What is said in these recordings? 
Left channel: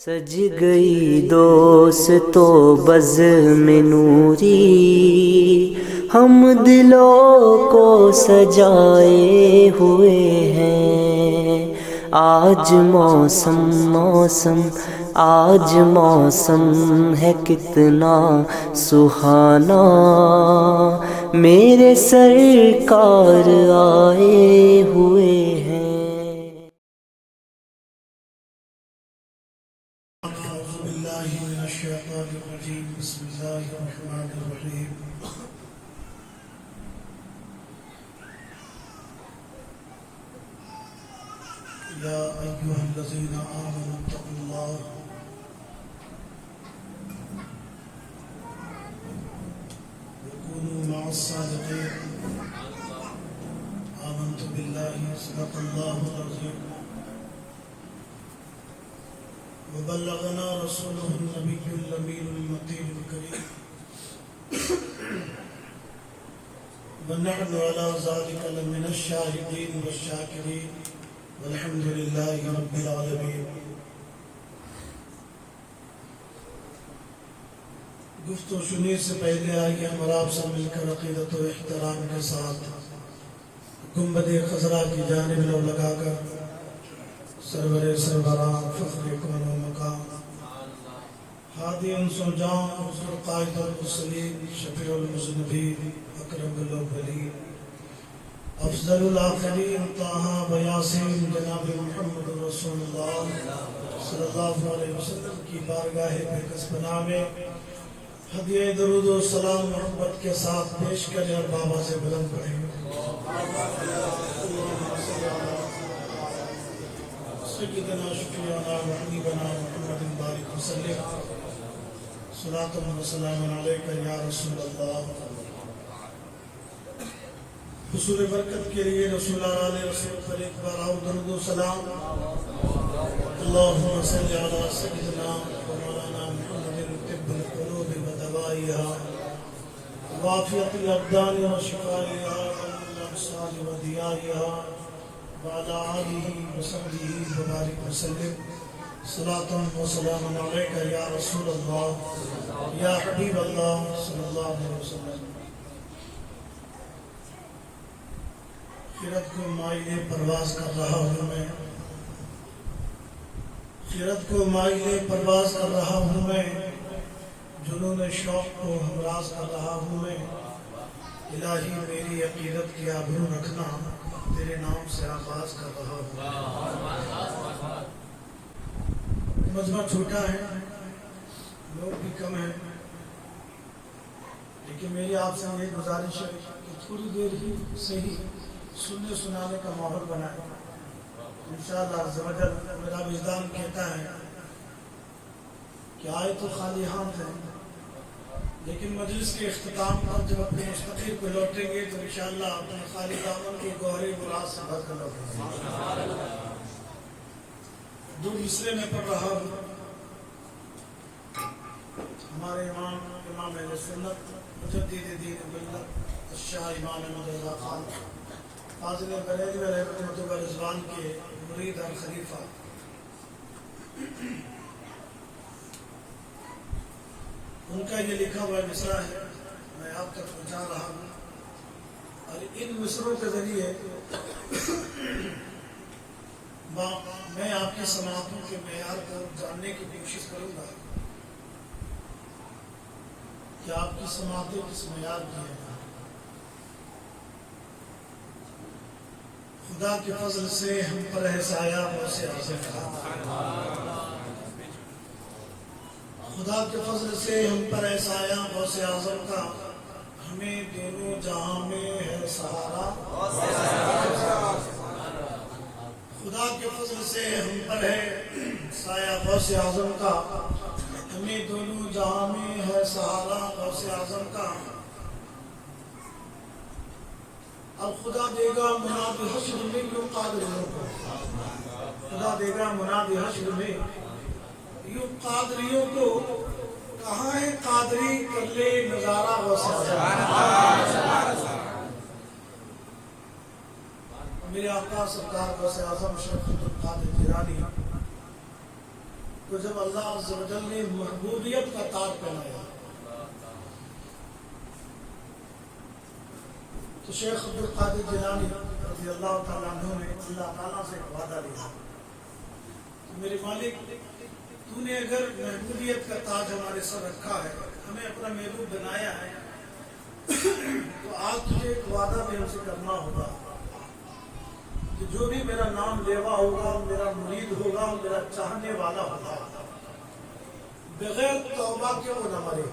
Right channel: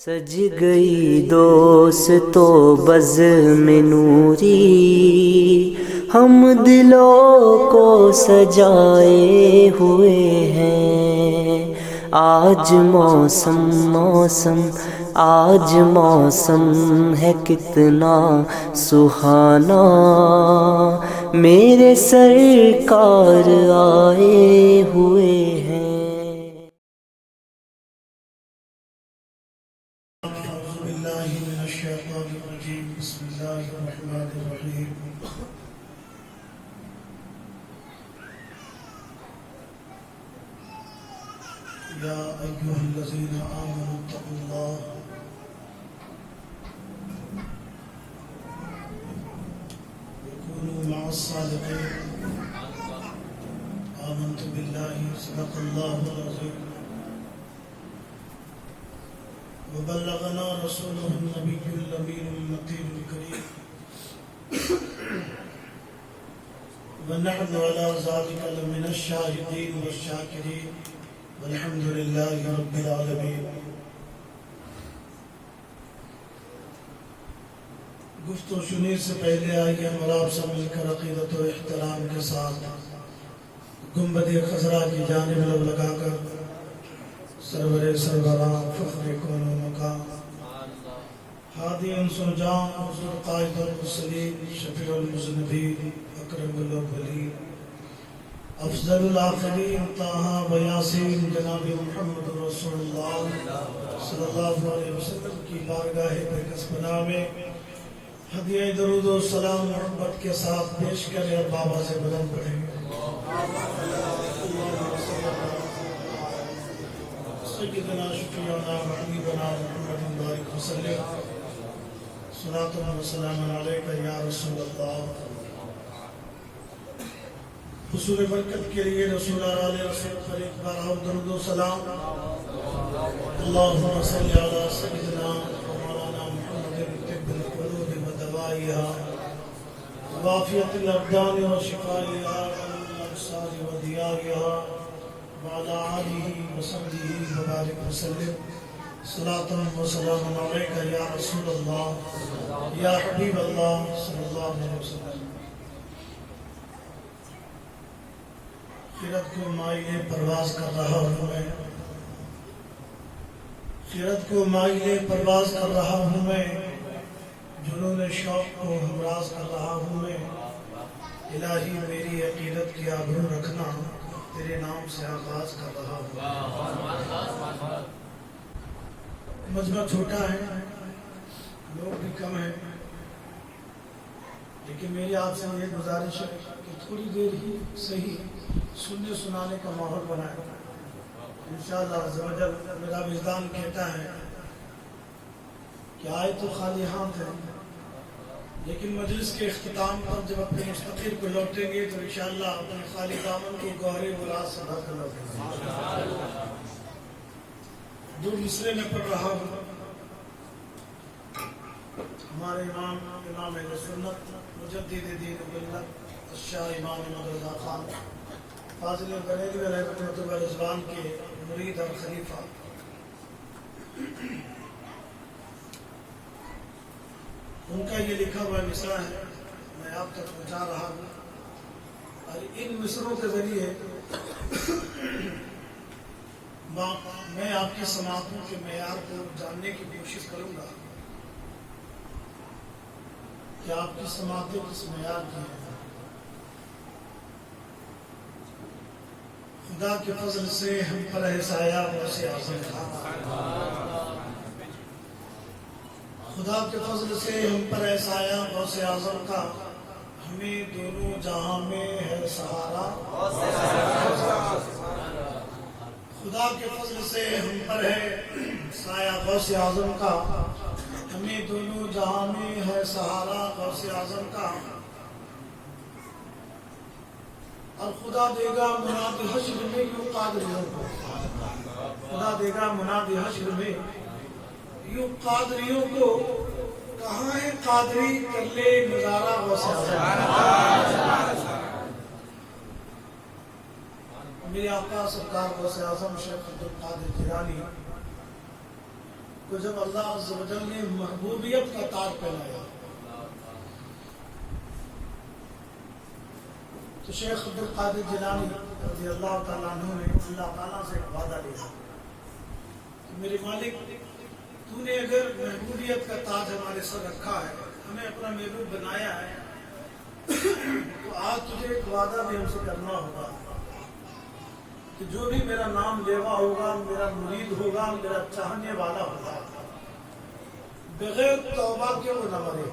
سج گئی دوستو بزم نوری، ہم دلوں کو سجائے ہوئے ہیں۔ آج موسم آج موسم ہے کتنا سہانا، میرے سرکار آئے ہوئے ہیں۔ بسم اللہ الرحمن الرحیم۔ یا ایھا الذین آمنوا اتقوا اللہ وکونوا مع الصادقین۔ آمنت باللہ صدق اللہ العظیم وبلغنا رسوله النبی الامین المتین الکریم ونحن على ذلك لمن الشاہدین والشاکرین والحمد للہ رب العالمین۔ گفت و شنید سے پہلے آئیے ہم اور آپ سب مل کر عقیدت و احترام کے ساتھ گنبد خضرا کی جانب رو لگا کر سرور سروران فخر کون و مقام ہادی انس و جان حضور قائد المرسلین شفیع المذنبین اکرم الاولین افضل الآخرین طٰہٰ و یاسین جناب محمد رسول اللہ صلی اللہ علیہ وسلم کی بارگاہ بقدس پناہ میں ہدیہ درود و سلام محبت کے ساتھ پیش کریں اور بابا سے بلند پڑھیں۔ سیدنا شفیعنا و حبیبنا محمد بارک وسلم صلاۃ و سلام علیک یا رسول اللہ۔ حصول برکت کے لیے رسول اللہ علیہ وسلم پر ایک بار اور درود و سلام۔ اللہم صلی علی سیدنا و مولانا محمد طب القلوب و دوائها وعافیت الابدان و شفائها والابصار و ضیائها وعلى آلہ وصحبہ وبارک وسلم صلاۃ و سلام علیک یا رسول اللہ یا حبیب اللہ صلی اللہ علیہ وسلم۔ خیرت کو مائل پرواز کر رہا ہوں میں، خیرت کو مائل پرواز کر رہا ہوں میں، جنون شوق کو ہمراز کر رہا ہوں میں۔ الہی میری عقیدت کی آبرو رکھنا، تیرے نام سے آغاز کر رہا ہوں۔ مجمع چھوٹا ہے، لوگ بھی کم ہیں، لیکن میری آپ سے یہ گزارش ہے کہ تھوڑی دیر ہی صحیح سننے سنانے کا ماحول بنائے۔ انشاءاللہ عز و جل میرا وجدان کہتا ہے کہ آئے تو خالی ہاتھ ہیں، لیکن مجلس کے اختتام پر جب اپنے مستقبل کو لوٹیں گے تو انشاءاللہ اپنے خالی دامن کو گوہر مراد سے بھر کر لوٹیں گے۔ دو مصرے میں پڑھ رہا ہوں۔ ہمارے امام اہل سنت مجدد دین ملت الشاہ امام احمد رضا خان فاضل بریلوی رحمۃ اللہ رضوان کے مرید اور خلیفہ، ان کا یہ لکھا ہوا مصرع ہے، میں آپ تک پہنچا رہا ہوں، اور ان مصروں کے ذریعے میں آپ کی سماعتوں کے معیار کو جاننے کی کوشش کروں گا کہ آپ کی سماعتیں کس معیار کی ہیں۔ خدا کے فضل سے ہم پر ہے سایہ غوث اعظم کا، خدا کے فضل سے ہم پر ہے سایہ غوث اعظم کا، ہمیں دونوں جہاں میں ہے سہارا۔ خدا کے فضل سے ہم پر ہے سایہ غوث اعظم کا، ہمیں دونوں جہاں میں ہے سہارا غوث اعظم کا۔ اب خدا دے گا مناد حشر میں یوں قادریوں کو، خدا دے گا مناد حشر میں یوں قادریوں کو، کہاں ہے قادری کر لے نظارہ غوث اعظم۔ میرے آقا سرکار غوث اعظم شیخ عبدالقادر جیلانی کو جب اللہ عز و جل نے محبوبیت کا تاج پہنایا تو شیخ عبد القادر جیلانی رضی اللہ تعالیٰ عنہ نے اللہ تعالیٰ سے ایک وعدہ لیا کہ میرے مالک تو نے اگر محبوبیت کا تاج ہمارے سر رکھا ہے، ہمیں اپنا محبوب بنایا ہے، تو آج تجھے ایک وعدہ بھی ہم سے کرنا ہوگا کہ جو بھی میرا نام لیوا ہوگا، میرا مرید ہوگا، میرا چاہنے والا ہوگا، بغیر توبہ کے وہ نہ مرے۔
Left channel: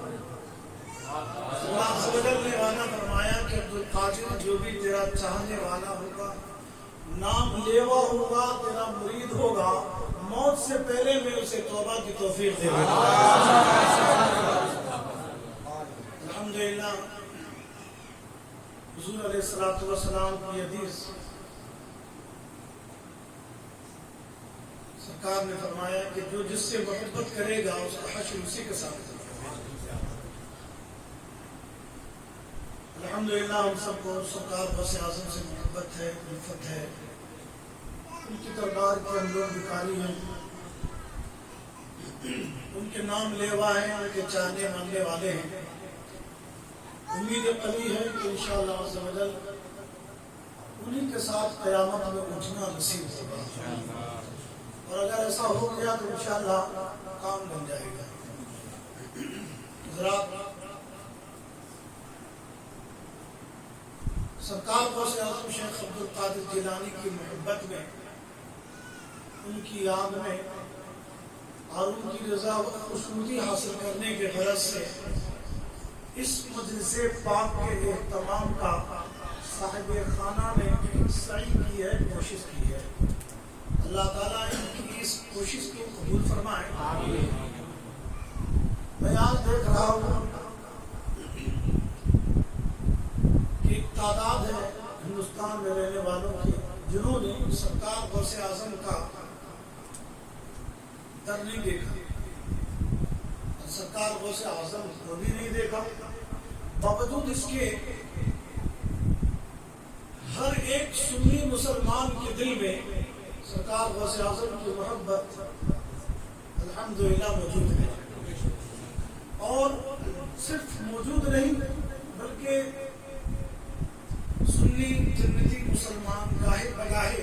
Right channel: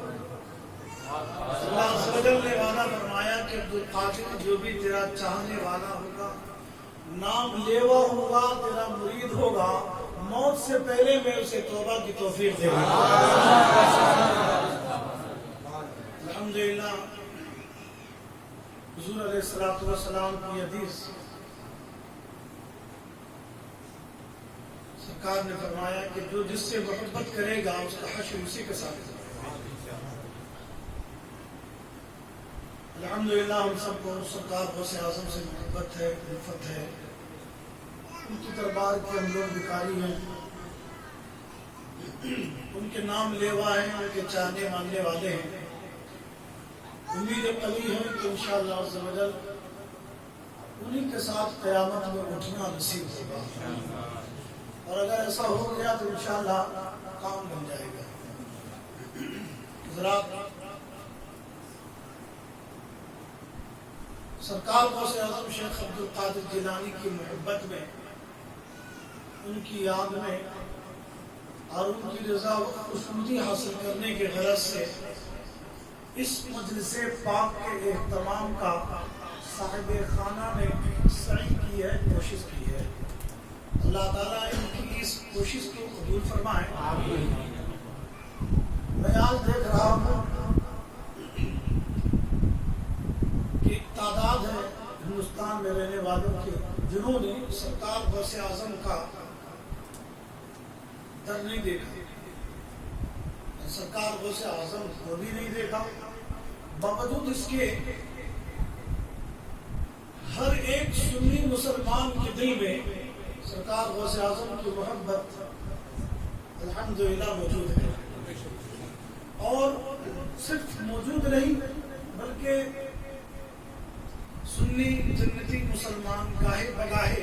اللہ عز و جل نے وعدہ فرمایا کہ عبد القادر جو بھی تیرا چاہنے والا ہوگا، نام لیوا ہوگا، تیرا مرید ہوگا، موت سے پہلے میں اسے توبہ کی توفیق دے گا۔ الحمدللہ حضور علیہ الصلوۃ والسلام کی حدیث، سرکار نے فرمایا کہ جو جس سے محبت کرے گا اس کا حشر اسی کے ساتھ ہوگا۔ الحمدللہ ہم سب کو سرکار غوث اعظم سے محبت ہے، الفت ہے، ان کی دربار کے ہم لوگ بھکاری ہیں، ان کے نام لیوا ہیں، ان کے چاہنے ماننے والے ہیں۔ امید قوی ہے کہ انشاءاللہ عز و جل انہی کے ساتھ قیامت میں اٹھنا نصیب ہوگا، اور اگر ایسا ہو گیا تو انشاءاللہ کام بن جائے گا۔ حضرات، سرکار غوث اعظم شیخ عبد القادر جیلانی کی محبت میں، ان کی یاد میں اور ان کی رضا و خوشنودی حاصل کرنے کے غرض سے اس مجلس پاک کے اہتمام کا صاحب خانہ نے سعی کی ہے، کوشش کی ہے۔ اللہ تعالیٰ ان کی اس کوشش کو قبول فرمائے۔ آمین۔ میں آج دیکھ رہا ہوں کہ ایک تعداد ہے ہندوستان میں رہنے والوں کی جنہوں نے سرکار غوث اعظم کا در نہیں دیکھا، سرکار غوث اعظم کو بھی نہیں دیکھا، باوجود اس کے ہر ایک سنی مسلمان کے دل میں سرکار غوث اعظم کی محبت الحمدللہ موجود ہے، اور صرف موجود نہیں بلکہ سنی جنتی مسلمان گاہے بگاہے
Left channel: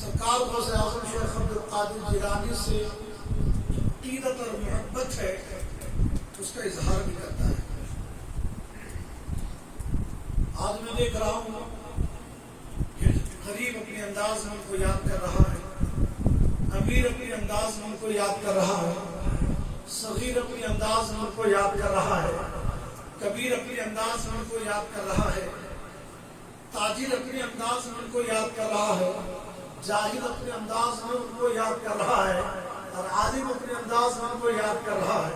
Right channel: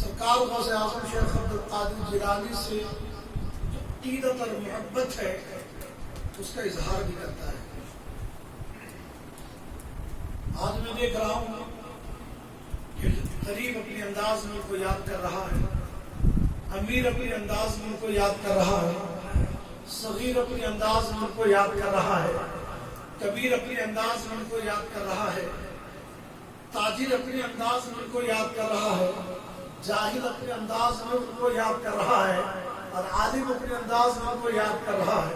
سرکار غوث اعظم شیخ عبد القادر جیلانی سے عقیدت اور محبت ہے اس کا اظہار بھی کرتا ہے۔ آج میں دیکھ رہا ہوں کہ غریب اپنے انداز میں ان کو یاد کر رہا ہے، امیر اپنے انداز میں ان کو یاد کر رہا ہے، صغیر اپنے انداز میں ان کو یاد کر رہا ہے، کبیر اپنے انداز میں ان کو یاد کر رہا ہے، تاجر اپنے انداز میں ان کو یاد کر رہا ہے، جاہل اپنے انداز میں ان کو یاد کر رہا ہے، اور عالم اپنے انداز میں ان کو یاد کر رہا ہے۔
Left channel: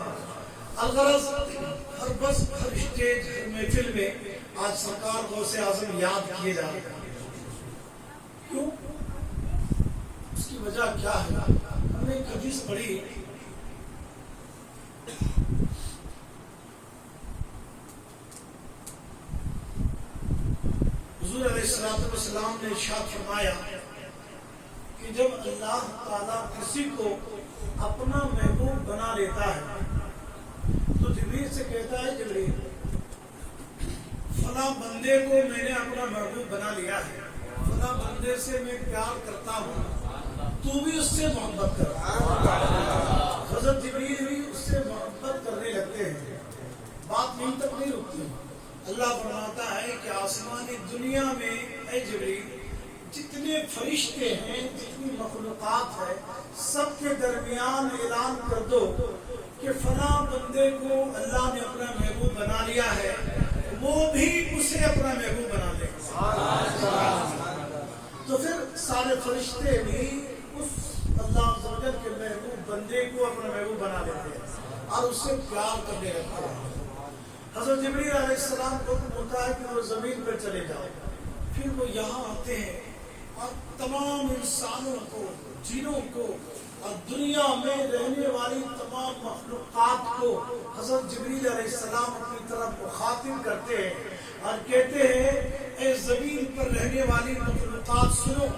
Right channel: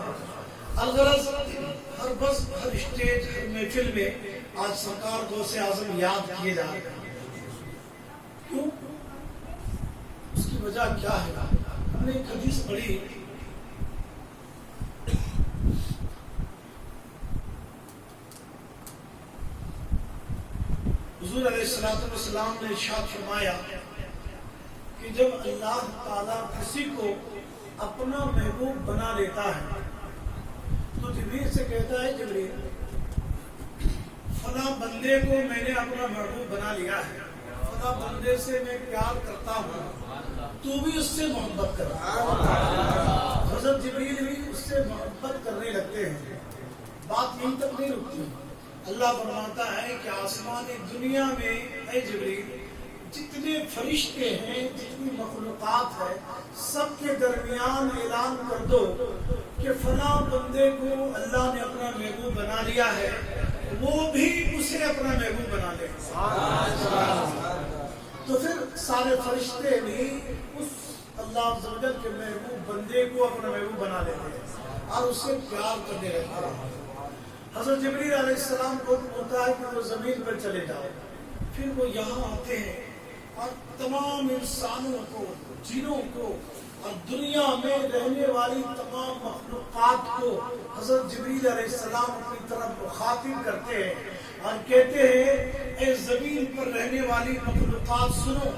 الغرض ہر بس ہر اسٹیج ہر محفل میں آج سرکار غوث اعظم یاد کیے جا رہے ہیں۔ کیوں؟ اس کی وجہ کیا ہے؟ ہم نے ایک حدیث پڑھی، حضور علیہ السلام نے ارشاد فرمایا کہ جب اللہ تعالیٰ کسی کو اپنا محبوب بنا لیتا ہے تو جبریل سے کہتا ہے، جبریل فلاں بندے کو میں نے اپنا محبوب بنا لیا ہے، فلاں بندے سے میں پیار کرتا ہوں، تو بھی اس سے محبت کر۔ حضرت جبریل بھی اس سے محبت کرنے لگتے ہیں۔ بات یہیں تک نہیں رکتی، اللہ فرماتا ہے کہ آسمانی دنیا میں اے جبریل جتنے فرشتے ہیں، جتنی مخلوقات ہے، سب کے درمیان اعلان کر دو کہ فلاں بندے کو اللہ نے اپنا محبوب بنا لیا ہے، وہ بھی اسے اپنا محبوب بنا لے۔ تو پھر سارے فرشتے بھی اس اللہ عز و جل کے محبوب بندے کو اپنا محبوب بنا لیتے ہیں اور اس سے پیار کرنے لگتے ہیں۔ حضرت جبریل علیہ السلام کو ہوتا ہے کہ وہ زمین پر چلے جاؤ، پھر وہ یہاں آتے ہیں اور تمام انسانوں کو، جنوں کو اور دنیا میں رہنے والی تمام مخلوقات کو حضرت جبریل علیہ السلام اپنی طرف مخاطب کرتے ہیں اور کہتے ہیں، اے زمین پر رہنے والی مخلوقات سنو،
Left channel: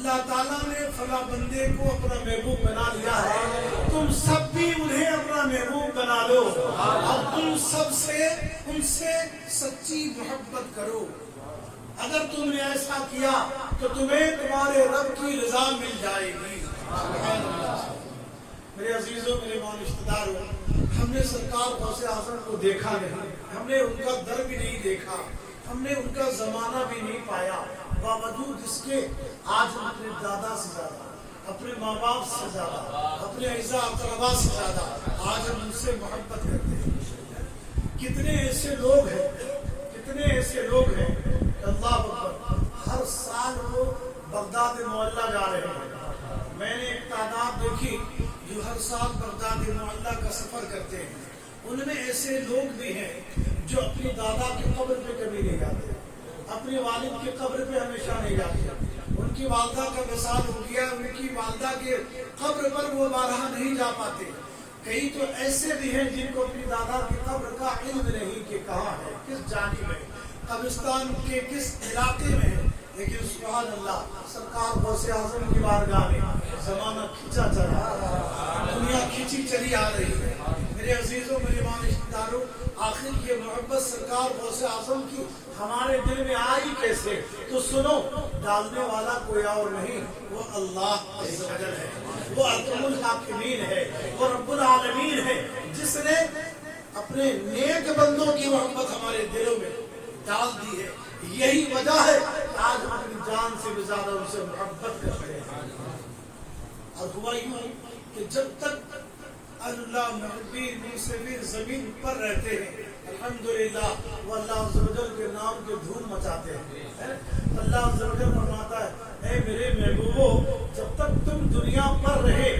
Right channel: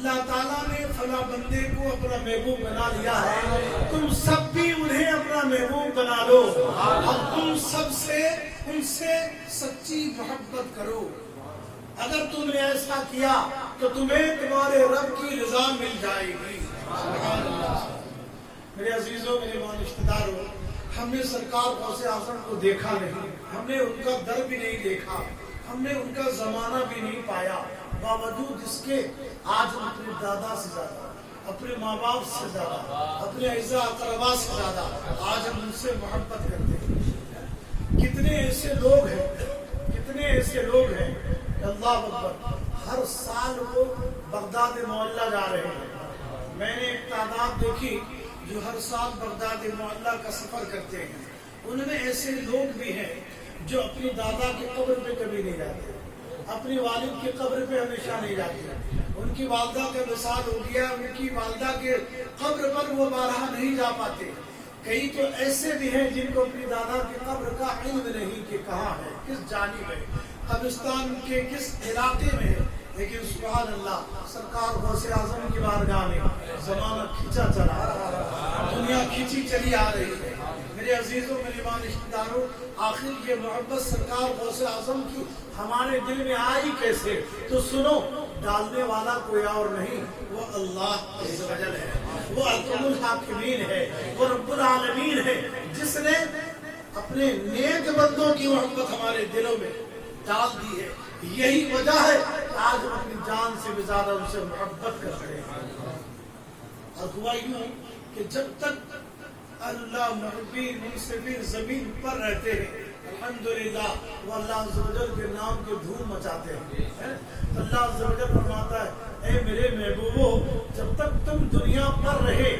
اللہ تعالیٰ نے فلاں بندے کو اپنا محبوب بنا لیا ہے، تم سب بھی انہیں اپنا محبوب بنا لو اور تم سب سے ان سے سچی محبت کرو۔ اگر تم نے ایسا کیا تو تمہیں تمہارے رب کی رضا مل جائے گی۔ سبحان اللہ۔ میرے عزیزوں، میرے ایمان رشتہ داروں، ہم نے سرکار غوث اعظم کو دیکھا نہیں، ہم نے ان کا در بھی نہیں دیکھا، ہم نے ان کا زمانہ بھی نہیں پایا، باوجود اس کے آج ہم اپنے دادا سے زیادہ، اپنے ماں باپ سے زیادہ، اپنے اعزاء اقربا سے زیادہ آج ہم ان سے محبت کرتے ہیں۔ کتنے ایسے لوگ ہیں، کتنے ایسے لوگ ہیں، اللہ اکبر، ہر سال وہ بغداد معلیٰ جا رہے ہیں۔ میں نے ایک تعداد دیکھی جو ہر سال بغداد معلیٰ کا سفر کرتے ہیں، ان میں ایسے لوگ بھی ہیں جو اپنی دادا کی قبر پہ کبھی نہیں جاتے، اپنی والد کی قبر پہ ہمیشہ نہیں جاتے، ان کی والدہ کا وصال ہو گیا، ان کی والدہ کے قبر پر وہ بارہا نہیں جا پاتے۔ کئی تو ایسے بھی ہیں جن کو اپنی دادا کی قبر کا علم نہیں کہ کہاں ہے، کس جانب ہے، قبرستان کے کس علاقے میں ہے، لیکن سبحان اللہ، سرکار غوث اعظم کی بارگاہ میں زمانہ کھینچا چلا رہا ہے، دنیا کھینچی چلی آ رہی ہے۔ میرے عزیزوں، میرے ایمان رشتہ داروں، آخر یہ محبت سرکار غوث اعظم کی ہمارے دل میں آئی کیسے؟ تو سنو، ڈالنے والا کوئی اور نہیں، وہ اللہ عز و جل ہے، وہ اکرم الحاکمین ہے، وہ رب العالمین ہے، جس نے اپنے نیک بندوں کی محبت ہمارے دلوں میں ڈال دی ہے۔ یہی وجہ ہے کہ آج ہم اپنی جان سے بھی زیادہ ان سے محبت کرتے ہیں۔ اور ہوا یوں کہ جب تک اللہ محبین منصفین زمین پر رہتے ہیں، الحمدللہ وہ اللہ عز و جل کے نام کے دھوم مچاتے ہیں۔ اللہ عز و جل فرماتا ہے، اے میرے محبوبو، جب تک تم دنیا پر رہے،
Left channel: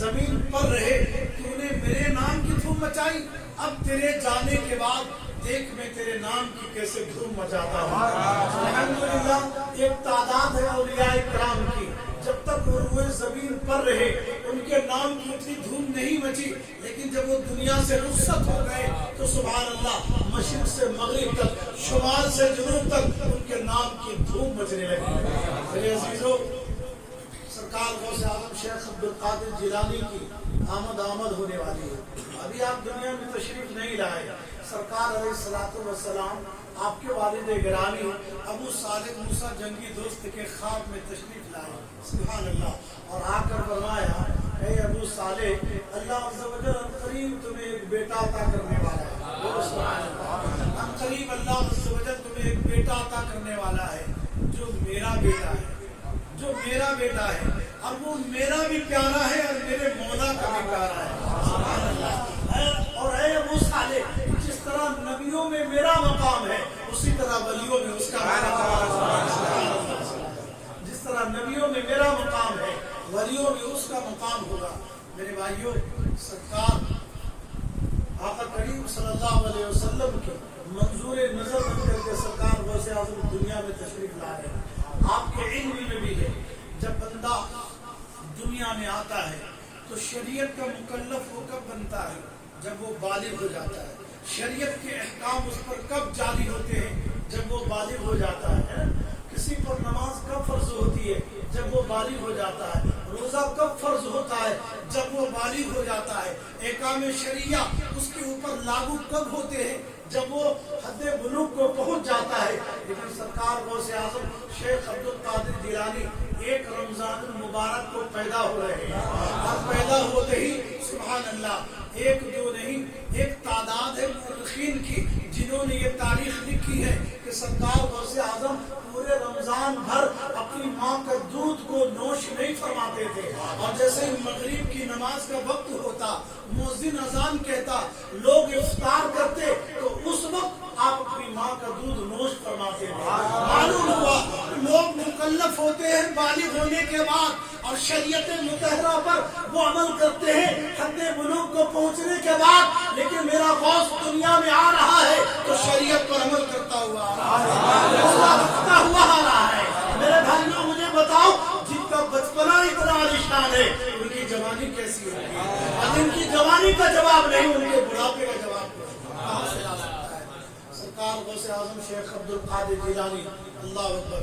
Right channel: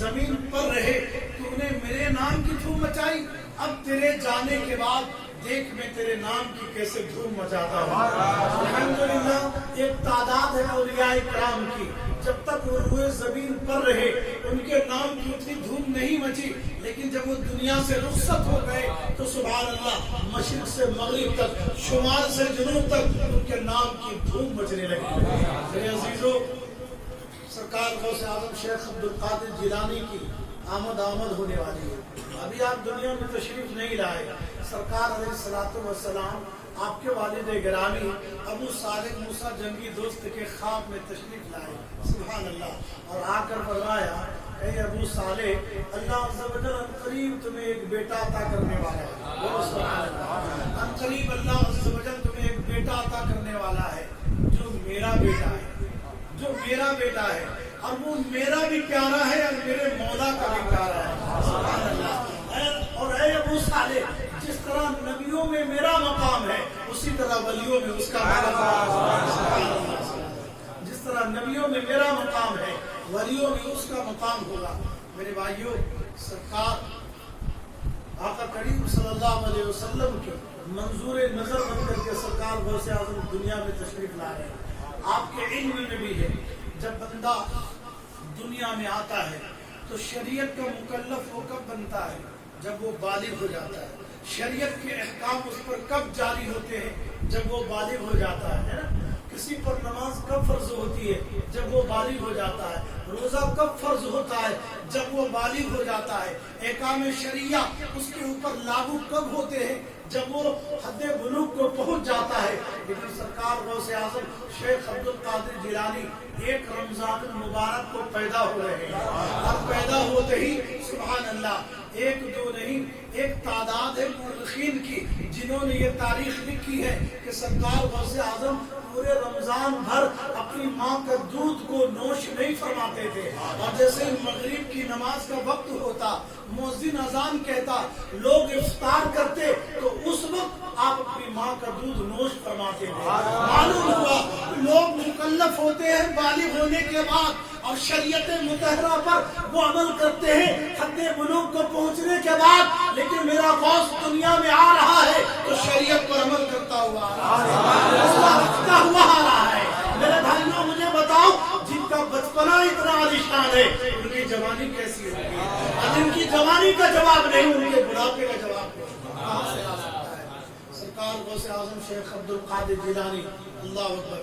زمین پر رہے، تو نے میرے نام کی دھوم مچائی، اب تیرے جانے کے بعد دیکھ میں تیرے نام کی کیسے دھوم مچاتا ہوں۔ الحمدللہ ایک تعداد ہے اولیاء کرام کی، جب تک وہ روئے زمین پر رہے ان کے نام کی اتنی دھوم نہیں مچی، لیکن جب وہ دنیا سے رخصت ہو گئے تو سبحان اللہ، مشرق سے مغرب تک، شمال سے جنوب تک ان کے نام کی دھوم مچنے لگی۔ میرے عزیزوں، سرکار غوث اعظم شیخ عبد القادر جیلانی کی آمد ہونے والی ہے۔ ابھی آپ دنیا میں تشریف نہیں لائے، سرکار علیہ الصلوۃ والسلام آپ کے والد گرامی ابو صالح موسیٰ جنگی دوست کے خواب میں تشریف لائے، سبحان اللہ، اور آ کر فرمایا، اے ابو صالح، اللہ عز و جل عنقریب تمہیں ایک بیٹا عطا کرنے والا ہے۔ بولو سبحان اللہ۔ عنقریب اللہ عز و جل تمہیں ایک بیٹا عطا کرنے والا ہے جو میرا بیٹا ہے، جو میرا بیٹا ہے، اور وہ میرا بھی پیارا ہے اور میرے مولا کا بھی پیارا ہے، سبحان اللہ۔ اور اے ابو صالح، جس طرح نبیوں میں میرا مقام ہے اسی طرح ولیوں میں اس کا مقام ہے، جس طرح نبیوں میں میرا مقام ہے ولیوں میں اس کا مقام ہوگا۔ میرے بھائیوں، سرکار آقا کریم صلی اللہ علیہ وسلم کے منظور نظر بن کر کے سرکار غوث اعظم دنیا میں تشریف لائے۔ آپ کے علم میں بھی ہے، جب بندہ دنیا میں آتا ہے تو شریعت کا مکلف وہ کب بنتا ہے؟ جب وہ بالغ ہو جاتا ہے۔ شریعت کے احکام اس پر کب جاری ہوتے ہیں؟ جب وہ بالغ ہو جاتا ہے۔ کسی پر نماز کب فرض ہوتی ہے؟ جب وہ بالغ ہو جاتا ہے۔ روزہ کب فرض ہوتا ہے؟ جب وہ بالغ ہو جاتا ہے۔ احکام شریعہ اس کے اوپر لاگو کب ہوتے ہیں؟ جب وہ حد بلوغ کو پہنچ جاتا ہے۔ لیکن سرکار غوث اعظم شیخ عبد القادر جیلانی ایک رمضان المبارک کو پیدا ہو رہے ہیں، اور پیدا ہوتے ہی سبحان اللہ، ایک دو نہیں، ایک تعداد ہے مورخین کی جنہوں نے یہ تاریخ لکھی ہے کہ سرکار غوث اعظم پورے رمضان بھر اپنی ماں کا دودھ کو نوش نہیں فرماتے تھے، اور جیسے ہی مغرب کی نماز کا وقت ہوتا، مؤذن اذان کہتا، لوگ افطار کرتے تو اس وقت آپ اپنی ماں کا دودھ نوش فرماتے تھے۔ معلوم ہوا لوگ مکلف ہوتے ہیں بالغ ہونے کے بعد اور شریعت مطہرہ پر وہ عمل کرتے ہیں حد بلوغ کو پہنچنے کے بعد، لیکن میرا غوث دنیا میں آ رہا ہے تو شریعت پر عمل کرتا ہوا آ رہا ہے۔ میرے بھائیوں، مجھے بتاؤ، جن کا بچپنا اتنا عالیشان ہے ان کی جوانی کیسی ہوگی؟ اور جن کی جوانی کا جواب نہیں، ان کے بڑھاپے کا جواب کہاں سے آ سکتا ہے؟ سرکار غوث اعظم شیخ عبد القادر جیلانی، اللہ اکبر،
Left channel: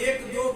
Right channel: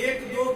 1-2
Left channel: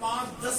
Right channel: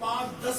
5-10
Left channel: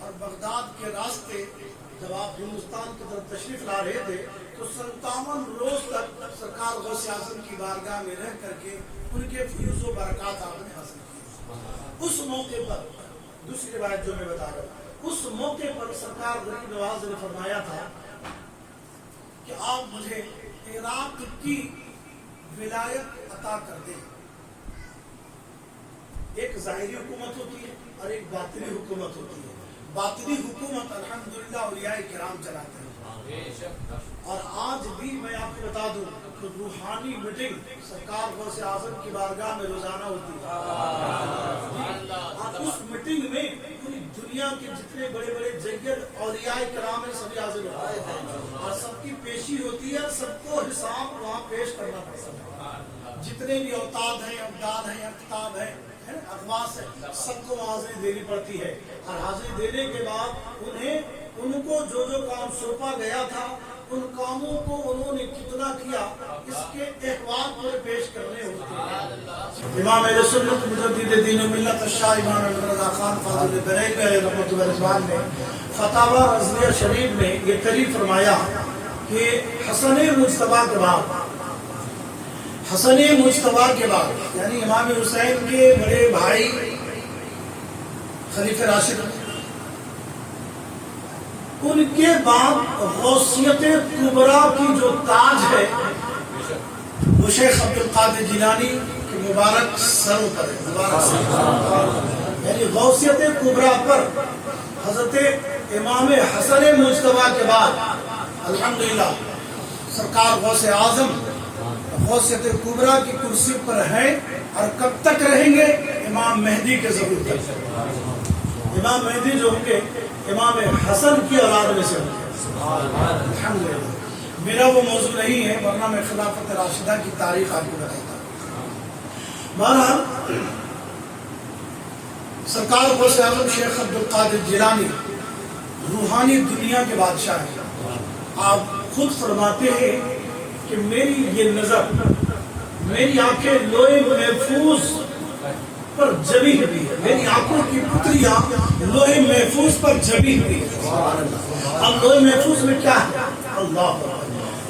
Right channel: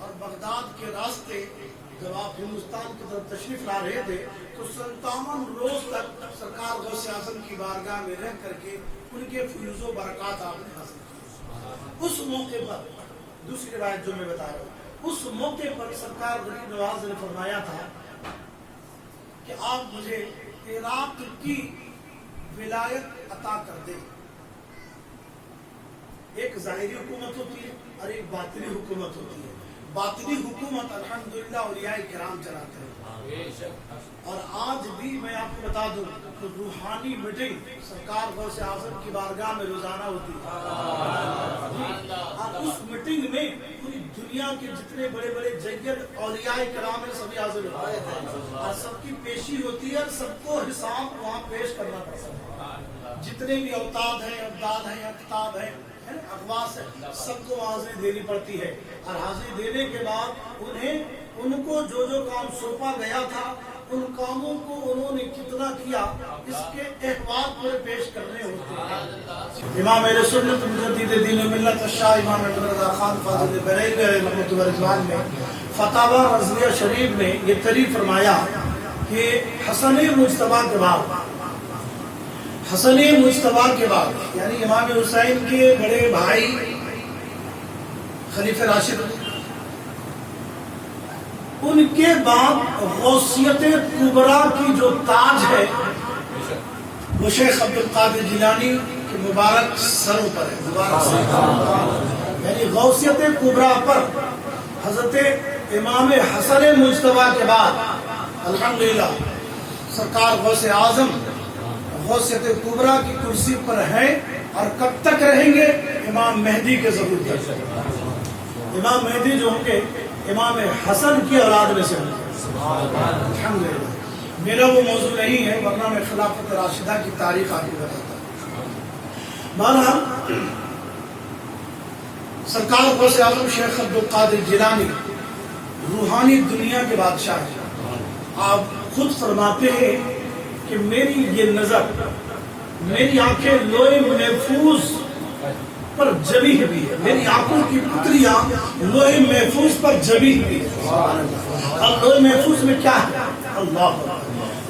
اور بغداد کے راستے جب آپ ہندوستان کی طرف تشریف لا رہے تھے تو 57 روز تک سرکار غوث اعظم کی بارگاہ میں رہ کر کے ان کے فیوز و برکات آپ نے حاصل کی. اس موقع پر دوسری روایت جو میں بتا رہا ہوں، اس موقع پر سرکار غریب نواز نے فرمایا تھا کہ آپ مجھے عراق کی ولایت عطا کر دیں. ایک ظاہری حکومت ہوتی ہے اور ایک باطنی حکومت ہوتی ہے. باطنی حکومت الحمدللہ اولیاء کرام چلاتے ہیں. اور آج بھی میں آپ کو بتا دوں کہ روحانی میٹنگ سرکار غوث اعظم کی بارگاہ میں روزانہ ہوتی ہے. اور اس میٹنگ میں پوری دنیا کے جتنے بڑے بڑے جگت اولیاء کرام ہیں سبھی حاضر ہوتے ہیں اور سب کی پیشی ہوتی ہے اور سب کو حساب وہاں پیش کرنا پڑتا ہے. جتنے بھی اوتاد ہیں، ابداد ہیں، اقتاب ہیں، اخواص ہے، سب کو حاضری دینی پڑتی ہے. اور حاضری دینے کے بعد ان کو جو کام سونپا گیا تھا ان کاموں کو انہوں نے کتنا کیا اس کے احوال پورے پیش کرنے ہوتے ہیں. امام اہل سنت مجدد دین ملت شاہ امام عبد الرضا خان فاضل بریلوی علیہ رحمۃ اللہ رضوان نے فتاوی رضویہ شریف میں یہ قریب فرمایا کہ حسن مجتبی کے بعد یعنی امام حسین کے بڑے بھائی خلیفہ راشد، ان کے بعد غوثیت کبریٰ کی جو تاج ہے وہ شیخ عبد القادر جیلانی کے مبارک سروں پر ہے. یعنی غوثیت کبریٰ پر حضرت امام حسن مجتبی کے بعد الحمدللہ سرکار غوث اعظم غوثیت کبریٰ کی کرسی پر ہیں اور کب تک رہیں گے؟ امام مہدی کے ظہور تک. امام مہدی جو ہوں گے امام حسن کی اولاد میں سے ہوں گے. الحمدللہ. میرا وہ موضوع نہیں ہے ورنہ میں خلافت راشدہ کی تاریخ آپ کو بتاتا ہوں. بہرحال سرکار غوث اعظم شیخ عبد القادر جیلانی روحانی دنیا کے بادشاہ ہیں. آپ خود فرماتے ہیں کہ میری یہ نظر، میری آنکھیں لوح محفوظ پر جبی ہوئی ہے. میری آنکھوں کی پتریاں لوح محفوظ پر جبی ہوئی ہے. اب لوح محفوظ میں کیا ہے؟ اللہ.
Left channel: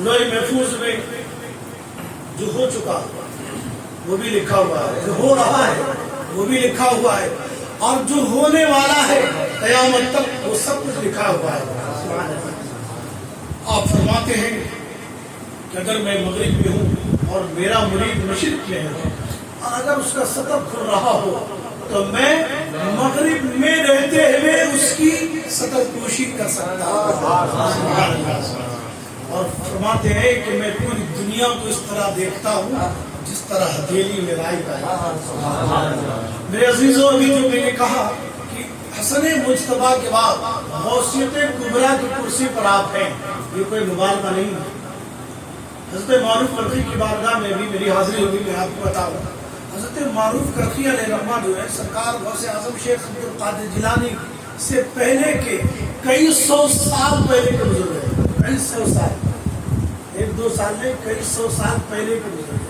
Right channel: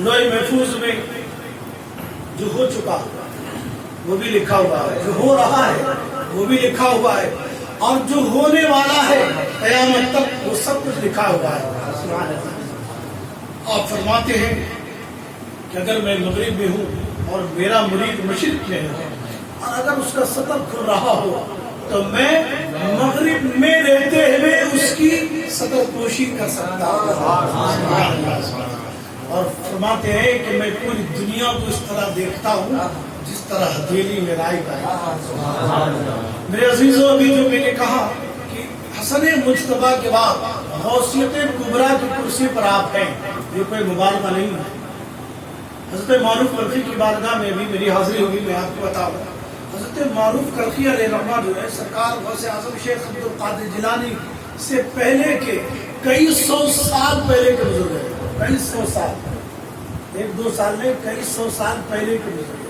لوح محفوظ میں جو ہو چکا وہ بھی لکھا ہوا ہے، جو ہو رہا ہے وہ بھی لکھا ہوا ہے، اور جو ہونے والا ہے قیامت تک وہ سب کچھ لکھا ہوا ہے. آپ فرماتے ہیں کہ اگر میں مغرب میں ہوں اور میرا مرید مشرق میں ہے اور اگر اس کا سطح کھل رہا ہو تو میں مغرب میں رہتے ہوئے اس کی سطح پوشی کر سکتا ہوں. اور فرماتے ہیں کہ میں پوری دنیا کو اس طرح دیکھتا ہوں جس طرح ہتھیلی میں رائی کا. میرے عزیزوں، ابھی جو میں نے کہا کہ حسن مجتبی کے بعد غوثیت کبریٰ کی کرسی پر آپ ہیں، یہ کوئی مبالغہ نہیں ہے. حضرت معروف کرخی کی بارگاہ میں بھی میری حاضری ہوگی. میں آپ کو بتاؤں حضرت معروف کرخی علیہ رحمہ جو ہے سرکار غوث اعظم شیخ عبد القادر جیلانی سے پہلے کے کئی سو سال پہلے کے بزرگ ہیں. کئی سو سال، ایک دو سال میں کئی سو سال پہلے کے بزرگ ہیں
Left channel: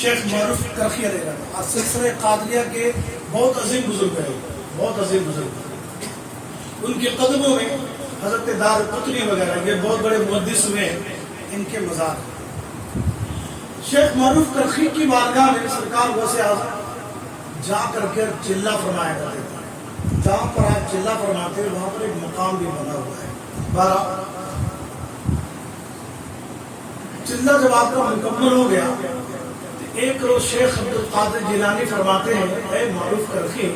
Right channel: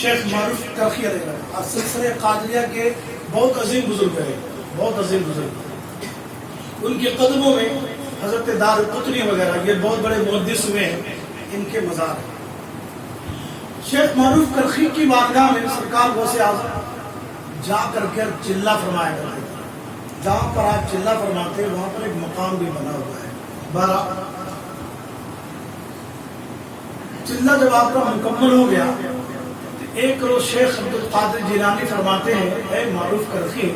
شیخ معروف کرخی علیہ رحمہ. اور سلسلہ قادریہ کے بہت عظیم بزرگ ہیں، بہت عظیم بزرگ. ان کے قدموں میں حضرت دار قطنی وغیرہ یہ بہت بڑے محدث ہوئے ہیں، ان کے مزار. شیخ معروف کرخی کی بارگاہ میں سرکار غوث اعظم جا کر کے چلہ فرمایا کرتے تھے. جہاں پر آپ چلہ فرماتے ہیں وہاں پر ایک مقام بھی بنا ہوا ہے. چلہ جب آپ کا مکمل ہو گیا تو ایک روز شیخ عبد القادر جیلانی فرماتے ہیں اے معروف کرخی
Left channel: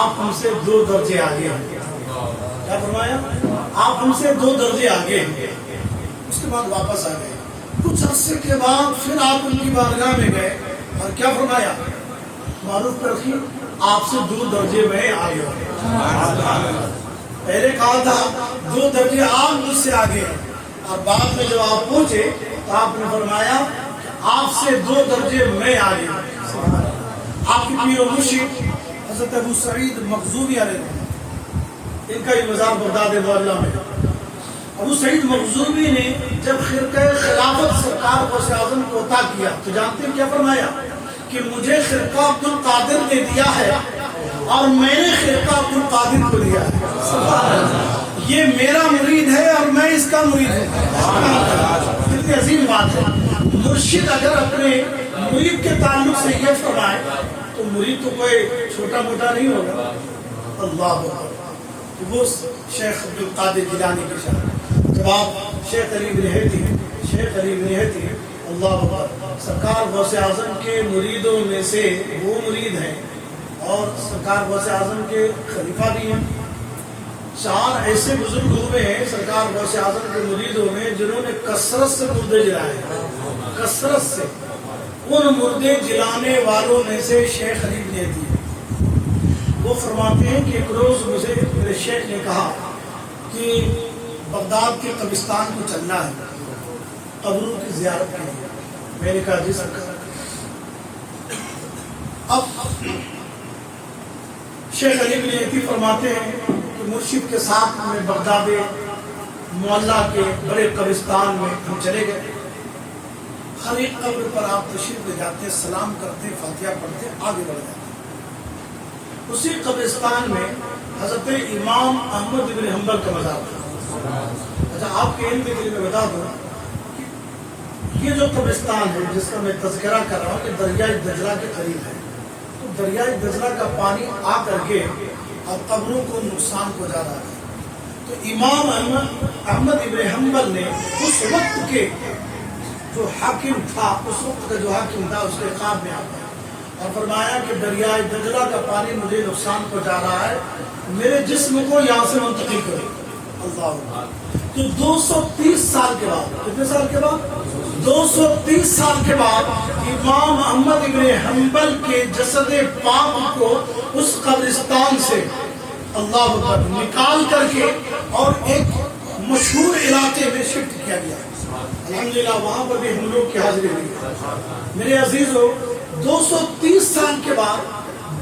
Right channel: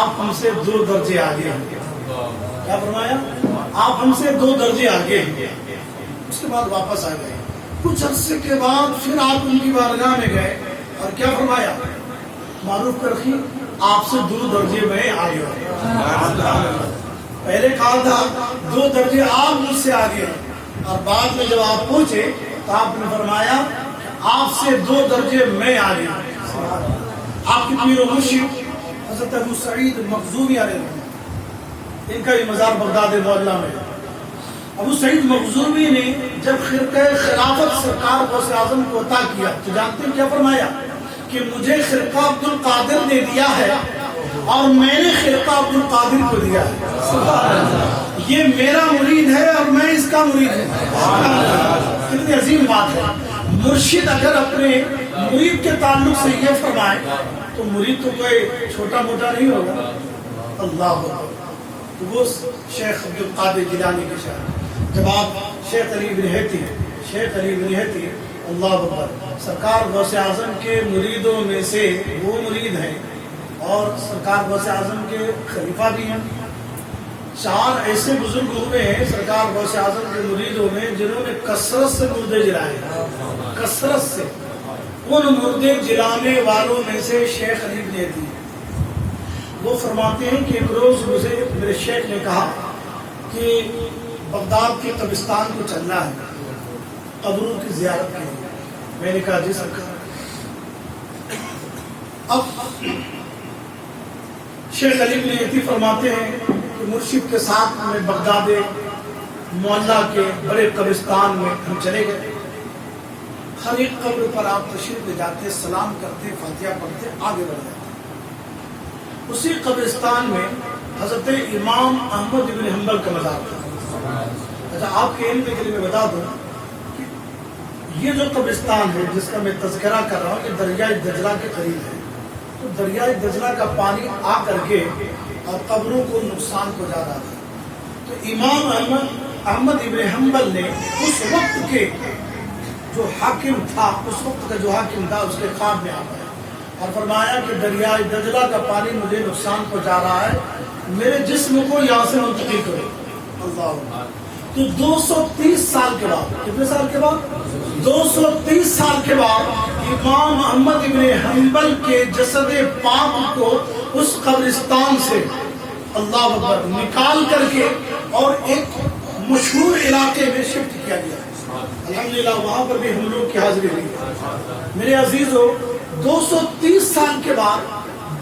آپ ہم سے 2 درجے آگے ہیں. کیا فرمایا؟ آپ ہم سے 2 درجے آگے ہیں. اس کے بعد واپس آ گئے. کچھ عرصے کے بعد پھر آپ ان کی بارگاہ میں گئے اور کیا فرمایا؟ معروف کرخی آپ سے 2 درجے میں آگے. پہلے کہا تھا 2 درجے آپ مجھ سے آگے ہیں، اور بعد میں جب آپ پہنچے تو آپ نے فرمایا کہ آپ سے 2 درجے میں آگے. آپ کی پیر و مرشد حضرت ابو سعید مخزومی علیہ رحمہ، ان کا یہ مزار بغداد معلیٰ میں. ابو سعید مخزومی نے جب خرقہ خلافت سرکار غوث اعظم کو عطا کیا تو جانتے ہیں کیا فرمایا؟ کہ مجھے خرقہ عبد القادر نے دیا ہے اور میں نے خرقہ عبد القادر کو دیا ہے. سبحان اللہ. یہ میرا مرید ہے اور میں اس کا مرید ہوں. کتنی عظیم بات ہے. مرشد اگر اپنے مرید کے تعلق سے یہ فرمائے تو مرید تو کوئی چھوٹا موٹا نہیں ہوگا. اللہ اکبر. وہ شیخ عبد القادر جیلانی کی شان. جب آپ شیخ علی بن ہیتی اللہ اکبر سرکار غوث اعظم کے مریدوں میں سے وہ مرید ہیں اور سرکار غوث اعظم کے خلیفہ بھی ہیں. 4 ایسے بزرگ ہوئے ہیں سرکار غوث اعظم کے مریدوں میں جنہوں نے کثرت سے مردے جلائے ہیں. کثرت سے. ان مردے جلانے والوں میں سے شیخ علی بن ہیتی. وہ فرماتے ہیں کہ ایک روز مجھے میرے شیخ نے کہا کہ بغداد کے قبرستان کو چلنا ہے قبروں کی زیارت کے لیے. میں نے کہا جی سرکار. اب شیخ علی بن ہیتی فرماتے ہیں کہ مرشد کے ساتھ میں بغداد معلیٰ کے بڑے قبرستان میں ہم چلے گئے. ہر ایک قبر پر آپ تشریف لے جاتے, سلام کرتے, فاتحہ پڑھتے, آگے بڑھ جاتے. اسی قبرستان میں حضرت امام احمد بن حنبل کا مزار تھا. اچھا آپ کے علم کے لیے میں بتا دوں کہ یہ جو قبرستان ہے جس کا میں تذکرہ کر رہا ہوں کہ دریائے دجلہ کے قریب ہے. تو دریائے دجلہ کا پانی آ کر کے اور قبروں کو نقصان پہنچا رہا ہے. تو امام احمد ابن حنبل نے اس وقت کے جو حاکم تھا اس کے خواب میں آتا اور فرمایا کہ دریائے دجلہ کا پانی مجھے نقصان پہنچا رہا ہے, میرے جسم کو یہاں سے منتقل کرو. اللہ. تو 230 سال کے بعد, کتنے سال کے بعد؟ 230 سال کے بعد امام احمد ابن حنبل کے جسد پاک کو اس قبرستان سے اللہ اکبر نکال کر کے اور ایک مشہور علاقے میں شفٹ کیا گیا. الحمدللہ وہاں پر بھی ہم لوگ کی حاضری ہوئی. میرے عزیزو 230 سال کے بعد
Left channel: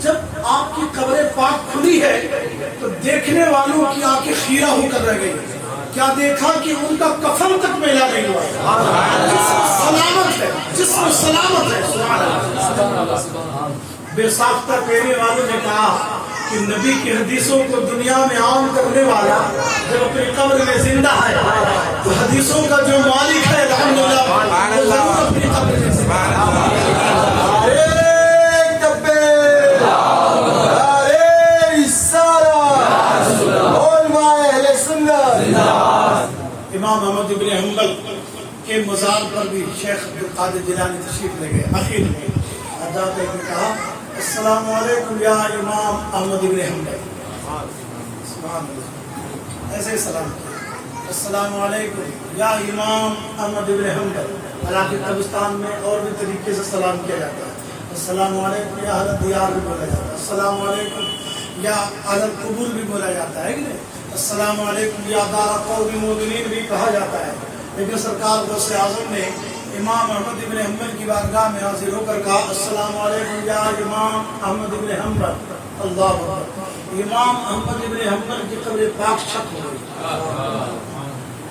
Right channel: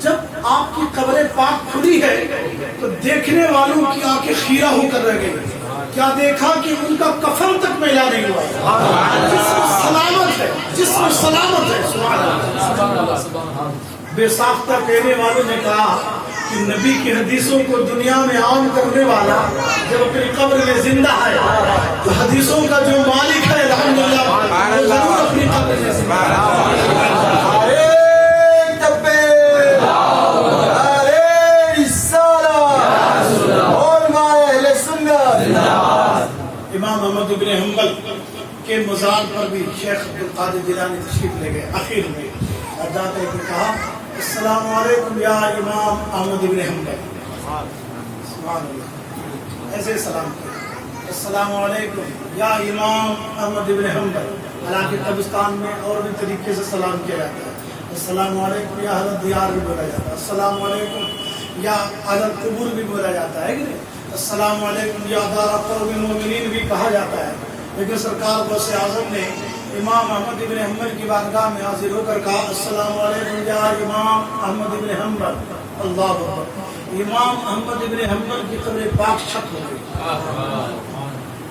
جب آپ کی قبر پاک کھلی ہے تو دیکھنے والوں کی آنکھیں خیرہ ہو کر رہ گئی. کیا دیکھا کہ ان کا کفن تک میلا نہیں ہوا ہے. جسم سلامت ہے. سبحان اللہ. بے ساختہ کہنے والوں نے کہا کہ نبی کی حدیثوں کو دنیا میں عام کرنے والا جب اپنی قبر میں زندہ ہے تو حدیثوں کا جو مالک ہے الحمدللہ وہ ضرور اپنی قبر میں زندہ ہے. امام احمد ابن حنبل کے مزار پر بھی شیخ عبد القادر جیلانی تشریف لے گئے. آخر میں جا کر کے کہا السلام علیکم یا امام احمد ابن حنبل. سبحان اللہ. ایسے سلام کیا. السلام علیکم یا امام احمد ابن حنبل. حالانکہ قبرستان میں اور بھی طریقے سے سلام کیا جاتا ہے. السلام علیکم یا اہل دیار بھی بولا جاتا ہے. السلام علیکم یا اہل قبور بھی بولا جاتا ہے کہ نہیں. السلام علیکم یا دار قوم المؤمنین بھی کہا جاتا ہے. لیکن سرکار غوث اعظم نے امام احمد ابن حنبل کی بارگاہ میں حاضر ہو کر کہا السلام علیکم یا امام احمد ابن حنبل. اللہ اکبر. امام احمد ابن حنبل کی قبر پاک چھپ ہو گئی,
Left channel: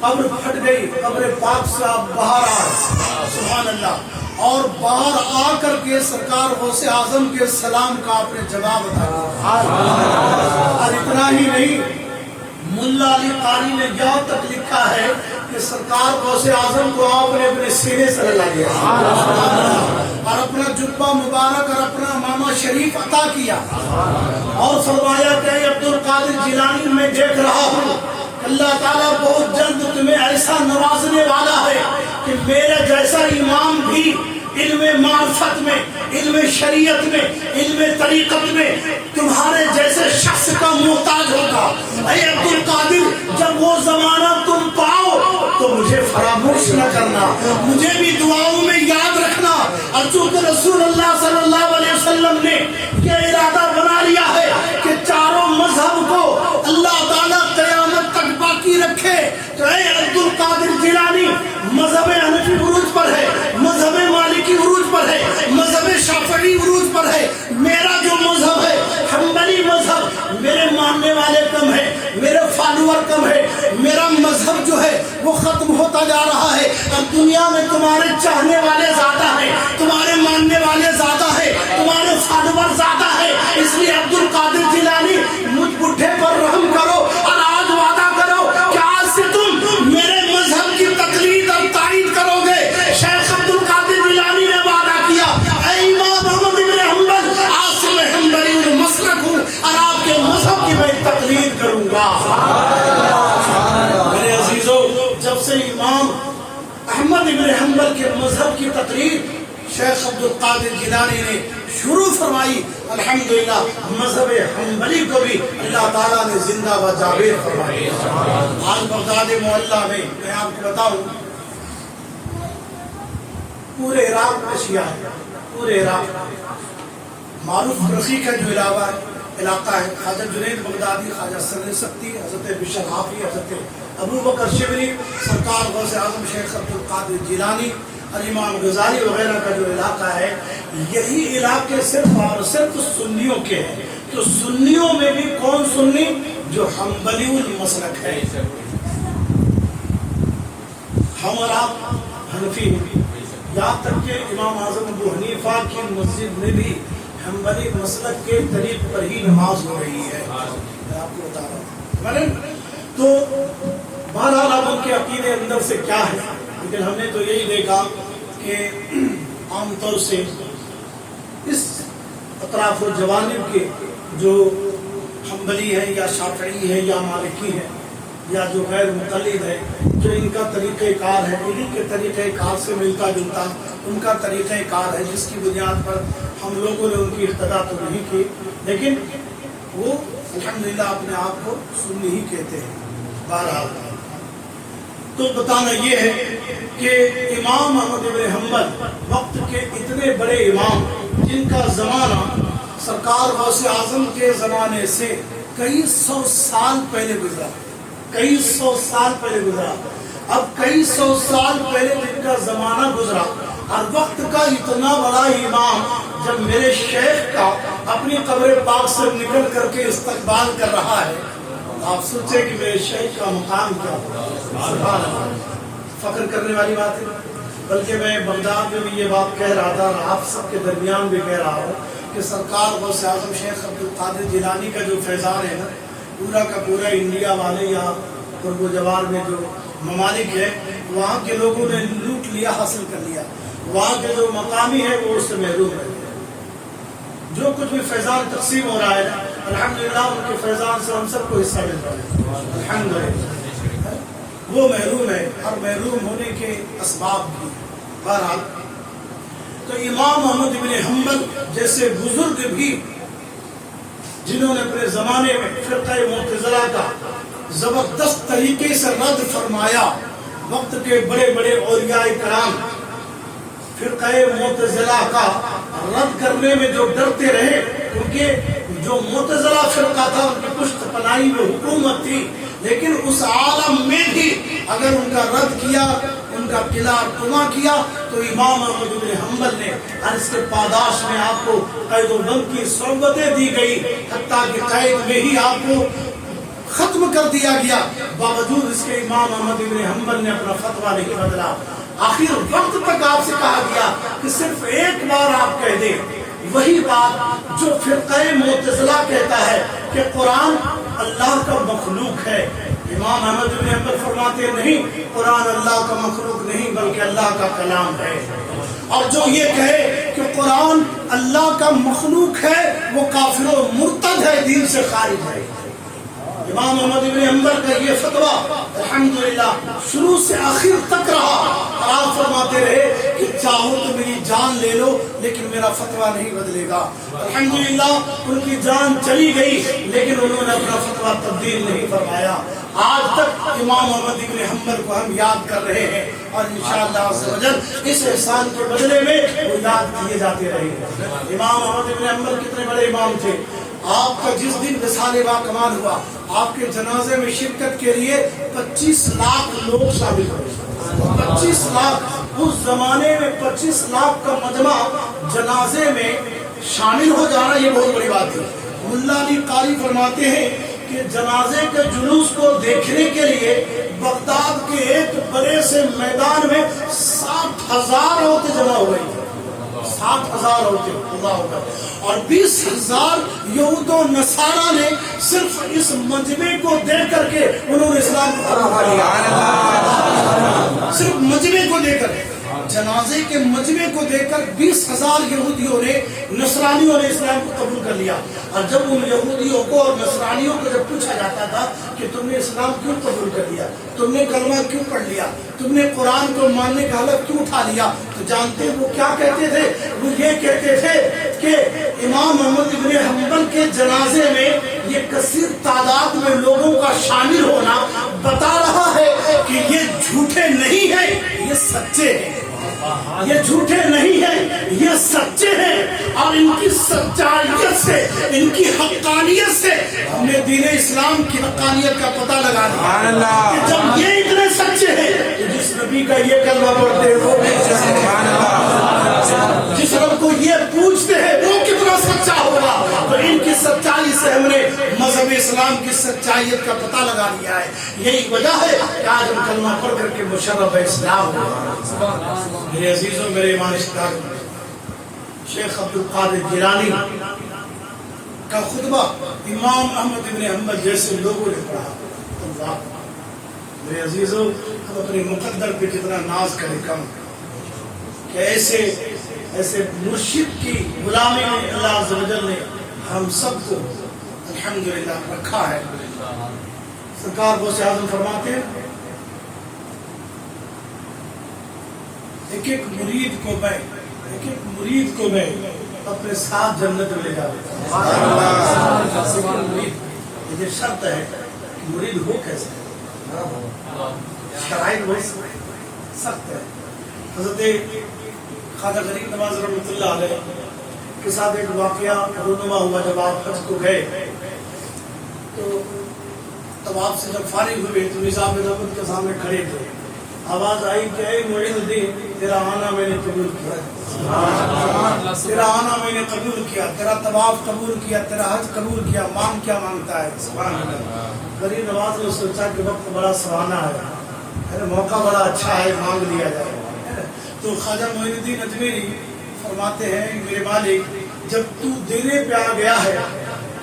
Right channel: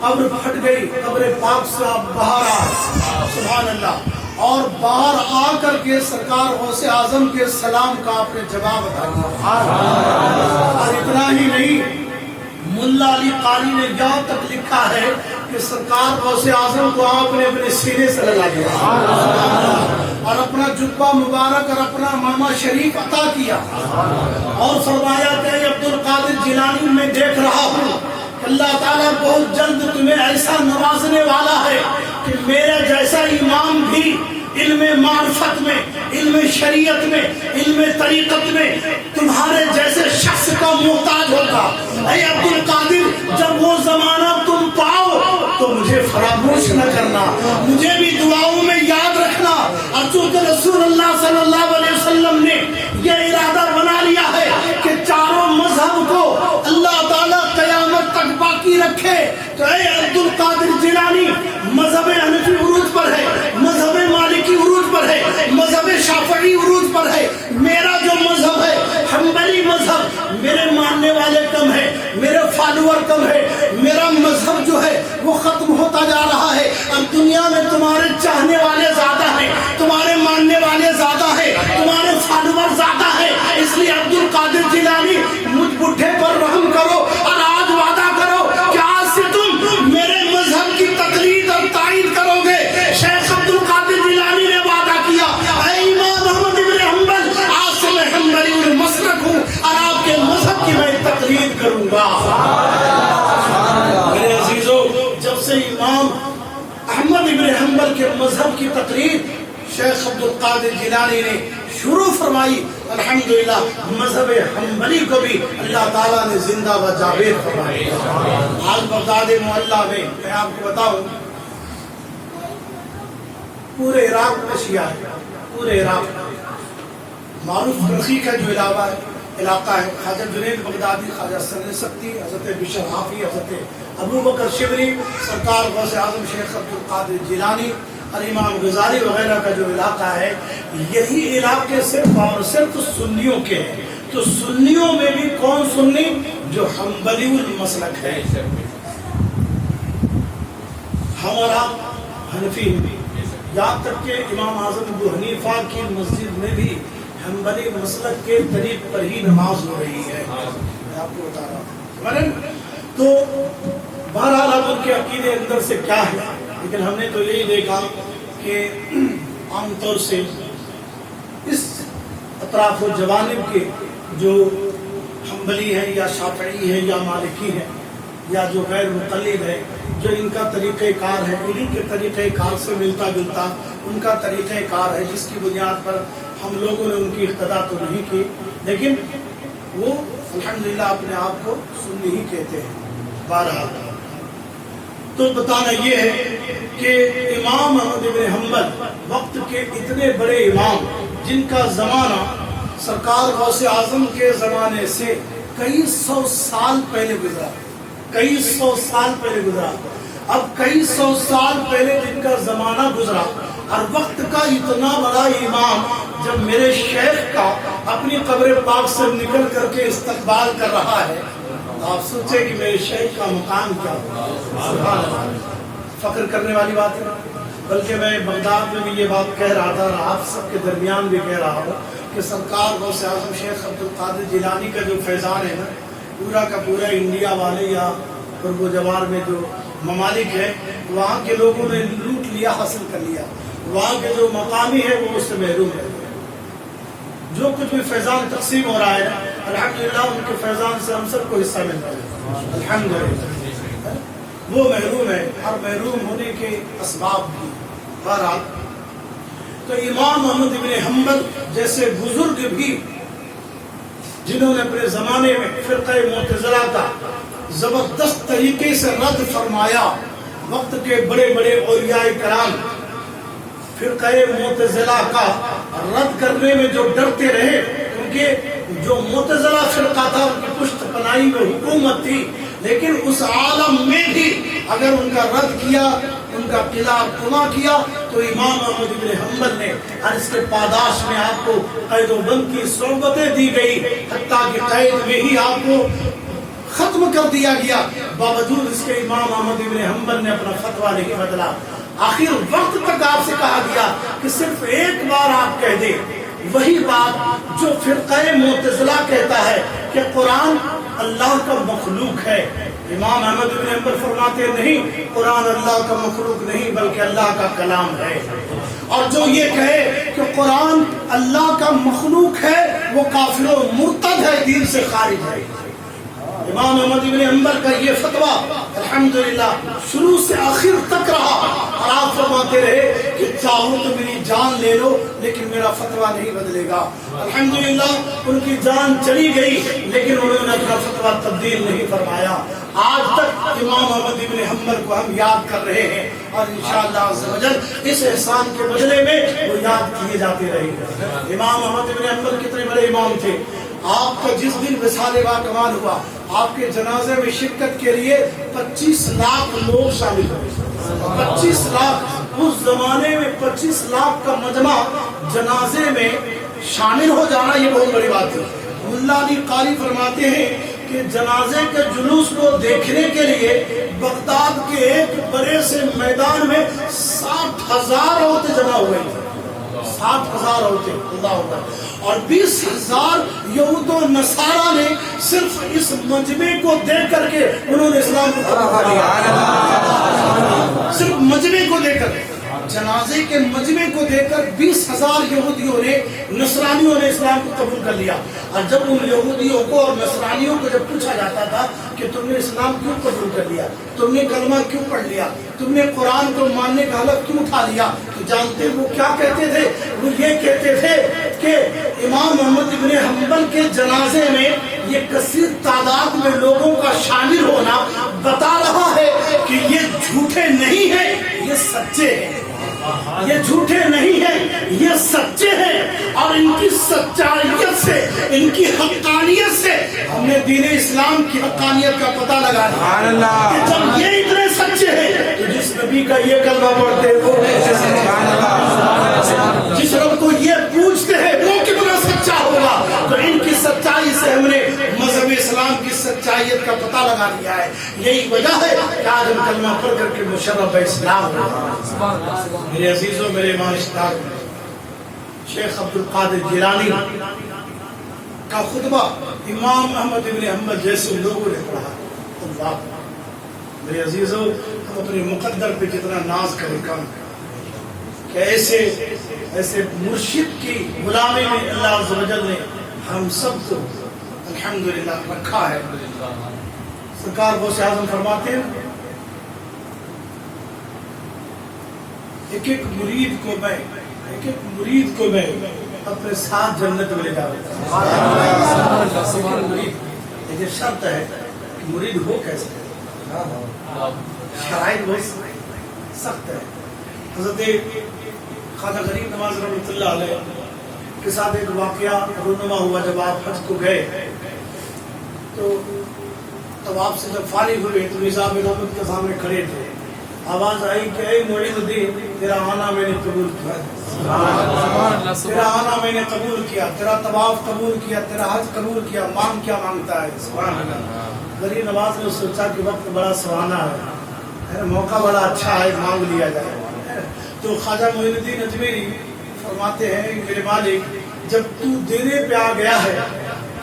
قبر پھٹ گئی, قبر پاک سے آپ باہر آئے. سبحان اللہ. اور باہر آ کر کے سرکار غوث اعظم کے سلام کا آپ نے جواب ادا کیا. اور اتنا ہی نہیں, ملا علی قاری نے یہاں تک لکھا ہے کہ سرکار غوث اعظم کو آپ نے اپنے سینے سے لگا دیا اور اپنا جبہ مبارک اور اپنا امامہ شریف عطا کیا اور فرمایا کہ عبد القادر جیلانی میں دیکھ رہا ہوں اللہ تعالیٰ بہت جلد تمہیں ایسا نوازنے والا ہے کہ میرے جیسا امام بھی علم معرفت میں, علم شریعت میں, علم طریقت میں تمہارے جیسے شخص کا محتاج ہوگا. اے عبد القادر جب وہ زمانہ تم پاؤ تو مجھے فراموش نہ کرنا, مجھے بھی دعاؤں میں یاد رکھنا. اور چونکہ رسول اللہ صلی اللہ علیہ وسلم نے یہ ارادہ بنا لیا ہے کہ چاروں مذہب کو اللہ تعالیٰ قیامت تک باقی رکھے, تو اے عبد القادر جیلانی مذہب حنفی عروج پر ہے, مذہب مالکی عروج پر ہے, مذہب شافعی عروج پر ہے. میرا جو مذہب ہے حنبلی مذہب, میرے ماننے والے کم ہیں, میرے فالوور کم ہے, میرا مذہب جو ہے وہ ختم ہوتا جا رہا ہے اور دنیا میں تمہارے تمہارے چاہنے والے زیادہ ہیں، تمہارے ماننے والے زیادہ ہیں، تمہارے فالوور زیادہ ہیں، اس لیے عبد القادر جیلانی مجھ بڈھے پر رحم کرو اور آج وعدہ کرو کہ آج سے تم میرے مذہب کی تقلید اور تائید کرو گے۔ شیخ عبد القادر جیلانی نے وعدہ کیا، اے امام احمد بن حنبل، آج سے میں حنبلی المسلک ہوں اور آپ کے مذہب کی میں تقلید کروں گا۔ میرے عزیزو، جب سے امام احمد بن حنبل کے مذہب کی تقلید شیخ عبد القادر جیلانی نے شروع فرمائی، الحمدللہ مذہب حنبلی کو بھی اللہ تعالیٰ نے زندہ و جاوید فرمایا۔ آج بغداد معلیٰ میں آپ کو بتاؤں، پورے عراق میں شیعہ ہے، پورے عراق معروف رفیق ہے جو علاقہ ہے، خواجہ جنید بغدادی، خواجہ سند سختی، حضرت بشر حافی، حضرت ابو بکر شبلی، سرکار غوث اعظم شیخ عبد القادر جیلانی اور امام غزالی وغیرہ کا جو علاقہ ہے، یہی علاقے صرف اور صرف سنیوں کے ہیں۔ تو سنیوں میں بھی کون سنی؟ جو حنبلی المسلک ہے۔ ہمارا حنفی، یہاں تک کہ امام اعظم ابو حنیفہ کی مسجد میں بھی حنبلی مسلک کے طریق پر ہی نماز ہو رہی ہے، میں آپ کو بتا رہا ہوں۔ تو بہرحال اب ان کے عقیدے اندر سے کیا ہے، لیکن ہم نے تو یہی دیکھا کہ عام طور سے اس اطراف و جوانب کے جو حنبلی ہیں یا شافعی ہیں یا مالکی ہیں یا جو غیر مقلد ہے، جو ان کا طریقہ کار ہے، انہی کے طریقہ کار سے ملتا جلتا ان کا طریقہ کار ہے، جس کی بنیاد پر ہم لوگوں نے ان کی اقتدا تو نہیں کی، لیکن وہ الحمدللہ اپنے آپ کو سنی ہی کہتے ہیں۔ بہرحال تو بتانا یہ ہے کہ امام احمد بن حنبل وقت کے اتنے بڑے امام، جن کا زمانہ سرکار غوث اعظم کے زمانے سے کئی سو سال پہلے گزرا، کئی سو سال پہلے گزرا۔ اب کئی سو سال پہلے جن کا زمانہ گزرا اور وقت کا اتنا بڑا امام جب میرے شیخ کا اپنی قبر پاک سے نکل کر کے استقبال کر رہا ہے، آپ سوچیں کہ میرے شیخ کا مقام کیا ہوگا۔ فخر کرنے والی بات ہے۔ بلکہ میں بغداد میں بھی یہ بات کہہ رہا تھا اور آپ سب کے درمیان بھی کہہ رہا ہوں کہ سرکار غوث اعظم شیخ عبد القادر جیلانی کا جو فیضان ہے نا، پورا کا پورا انڈیا والے یا قرب و جوار میں جو ممالک ہے، وہاں کے لوگوں نے لوٹ لیا، حاصل کر لیا۔ وہاں کے جو مقامی ہے وہ اس سے محروم ہے۔ جو کچھ بھی فیضان تقسیم ہو رہا ہے الحمدللہ ان کے فیضان سے ہم سب کو حصہ ملتا ہے الحمدللہ، وہ محروم ہے اور محروم ہونے کے اسباب بھی۔ بہرحال تو امام احمد بن حنبل جیسے بزرگ بھی جنہوں نے اپنے زمانے میں فرقہ معتزلہ کا زبردست طریقے سے رد فرمایا، وقت کے بڑے بڑے اولیاء کرام فرقہ معتزلہ کا رد کرنے میں جو ڈرتے رہے، کیونکہ جو معتزلہ فرقہ تھا ان کی پشت پناہی میں حکومت تھی، لیکن اس عالم میں بھی اگر ان کا رد کیا، ان کا قلعہ کما کیا، تو امام احمد بن حنبل نے اور اس کے پاداش میں آپ کو قید و بند کی صحبتیں دی گئی، حتیٰ کہ قید میں ہی آپ کو ختم کر دیا گیا۔ باوجود اس کے امام احمد بن حنبل نے اپنا فتویٰ نہیں بدلا۔ آخر وقت تک آپ سے کہا گیا کہ صرف ایک بار آپ کہہ دیں وہی بات جو فرقہ معتزلہ کہتا ہے کہ قرآن اللہ کا مخلوق ہے۔ امام احمد بن حنبل فرماتے نہیں، قرآن اللہ کا مخلوق نہیں بلکہ اللہ کا کلام ہے۔ اور جو یہ کہے کہ قرآن اللہ کا مخلوق ہے وہ کافر و مرتد ہے، دین سے خارج ہے۔ امام احمد بن حنبل کا یہ فتویٰ الحمدللہ شروع سے آخر تک رہا، اور آپ فرماتے رہے کہ چاہو تو میری جان لے لو لیکن میرا فتویٰ نہیں بدلے گا۔ الحمدللہ ان کی جان چلی گئی لیکن انہوں نے اپنا فتویٰ تبدیل نہیں فرمایا۔ آج تک امام احمد بن حنبل کو ہم یاد کر رہے ہیں اور انشاءاللہ عز و جل اس احسان کے بدلے میں وہ یاد کیے جاتے رہیں گے۔ امام احمد بن حنبل کتنے بڑے امام تھے۔ آپ کا جس دن وصال با کمال ہوا، آپ کے جنازے میں شرکت کے لیے 25 لاکھ لوگ شامل ہوئے۔ 25 لاکھ، اس زمانے میں 25 لاکھ کا مجمع جنازے میں شامل ہو جانا یہ بہت بڑی بات ہے۔ ملا علی قاری فرماتے ہیں کہ جنازے کے جلوس کو دیکھنے کے لیے بغداد کے ایک بڑے سے میدان میں 60,000 عورتیں جمع ہو گئی، 60,000 عورتیں، اللہ اکبر، اور 20,000 یہود و نصارہ نے صرف اس مجمع کو دیکھ کر کے انہوں نے اسلام کو قبول کر لیا، صرف مجمع کو دیکھ کر، جنازے کے مجمع کو دیکھ کر 20,000 یہودیوں نے، نصرانیوں نے اسلام کو قبول کر لیا۔ اور جب ان یہودیوں کو اور نصرانیوں کو جب پوچھا جاتا تھا کہ تم نے اسلام کیوں قبول کر لیا، تم نے کلمہ کیوں پڑھ لیا، تم نے قرآن کو ماننے کا حلف کیوں اٹھا لیا، تو جانتے وہ کیا کہتے تھے؟ وہ یہ کہتے تھے کہ امام احمد ابن حنبل کے جنازے میں یہ کثیر تعداد میں لوگوں کا شامل ہونا بتا رہا ہے کہ یہ جھوٹے نہیں ہیں، یہ سچے ہیں، یہ جھوٹے نہیں ہیں، یہ سچے ہیں، اور ان کی سچائیت سے، ان کی حقانیت سے ہم نے دین اسلام کی حقانیت کا پتہ لگا لیا کہ جب یہ اتنے سچے ہیں تو جس نبی کا یہ کلمہ پڑھتے ہیں جس رب کو یہ پوچھتے ہیں وہ کتنا سچا ہوگا، تو ان کی سچائی سے ہم نے مذہب اسلام کی سچائیت کا پتہ لگا لیا ہے۔ یہی وجہ ہے کہ آج ہم کلمہ پڑھ کر کے مشرف اسلام ہو۔ میرے عزیزوں، میرے معاشرہ، شیخ عبد القادر جیلانی کا خطبہ امام احمد ابن حنبل جیسے لوگوں نے پڑھا، اللہ، میرے عزیزوں، ہم اپنے مقدر پہ جتنا ناز کریں کم، کہ ایسے مرشد کی غلامی میں اللہ عز و جل نے ہم سب کو الحمدللہ رکھا ہے۔ سرکار غوث اعظم فرماتے ہیں ایک ایک مرید کو میں اپنے ساتھ جنت میں لے جاؤں، لیکن شرط ہے کہ مرید ہو کیسے، شرائط بہت سخت ہے۔ حضرت خواجہ غریب نواز رحمۃ اللہ علیہ کے ساتھ ایک واقعہ رونما ہوا، جب آپ حج کو گئے تو طواف سے جب فارغ ہوئے تو نظام رحمت کے سامنے کھڑے تھے، آواز آئی کہ اے معین الدین، تیرا آنا میں نے قبول کیا، تیرا آنا میں نے قبول کیا، تیرا طواف قبول کیا، تیرا حج قبول کیا، مانگ کیا مانگتا ہے؟ سبحان اللہ۔ غریب نواز نے سوچا کہ وقت بڑا سہانا ہے، موقع بڑا اچھا ہے، مانگ لیا جائے۔ تو خواجہ معین الدین اجمیری فرماتے ہیں میرے مالک، جب تو دینے پہ آ گیا ہے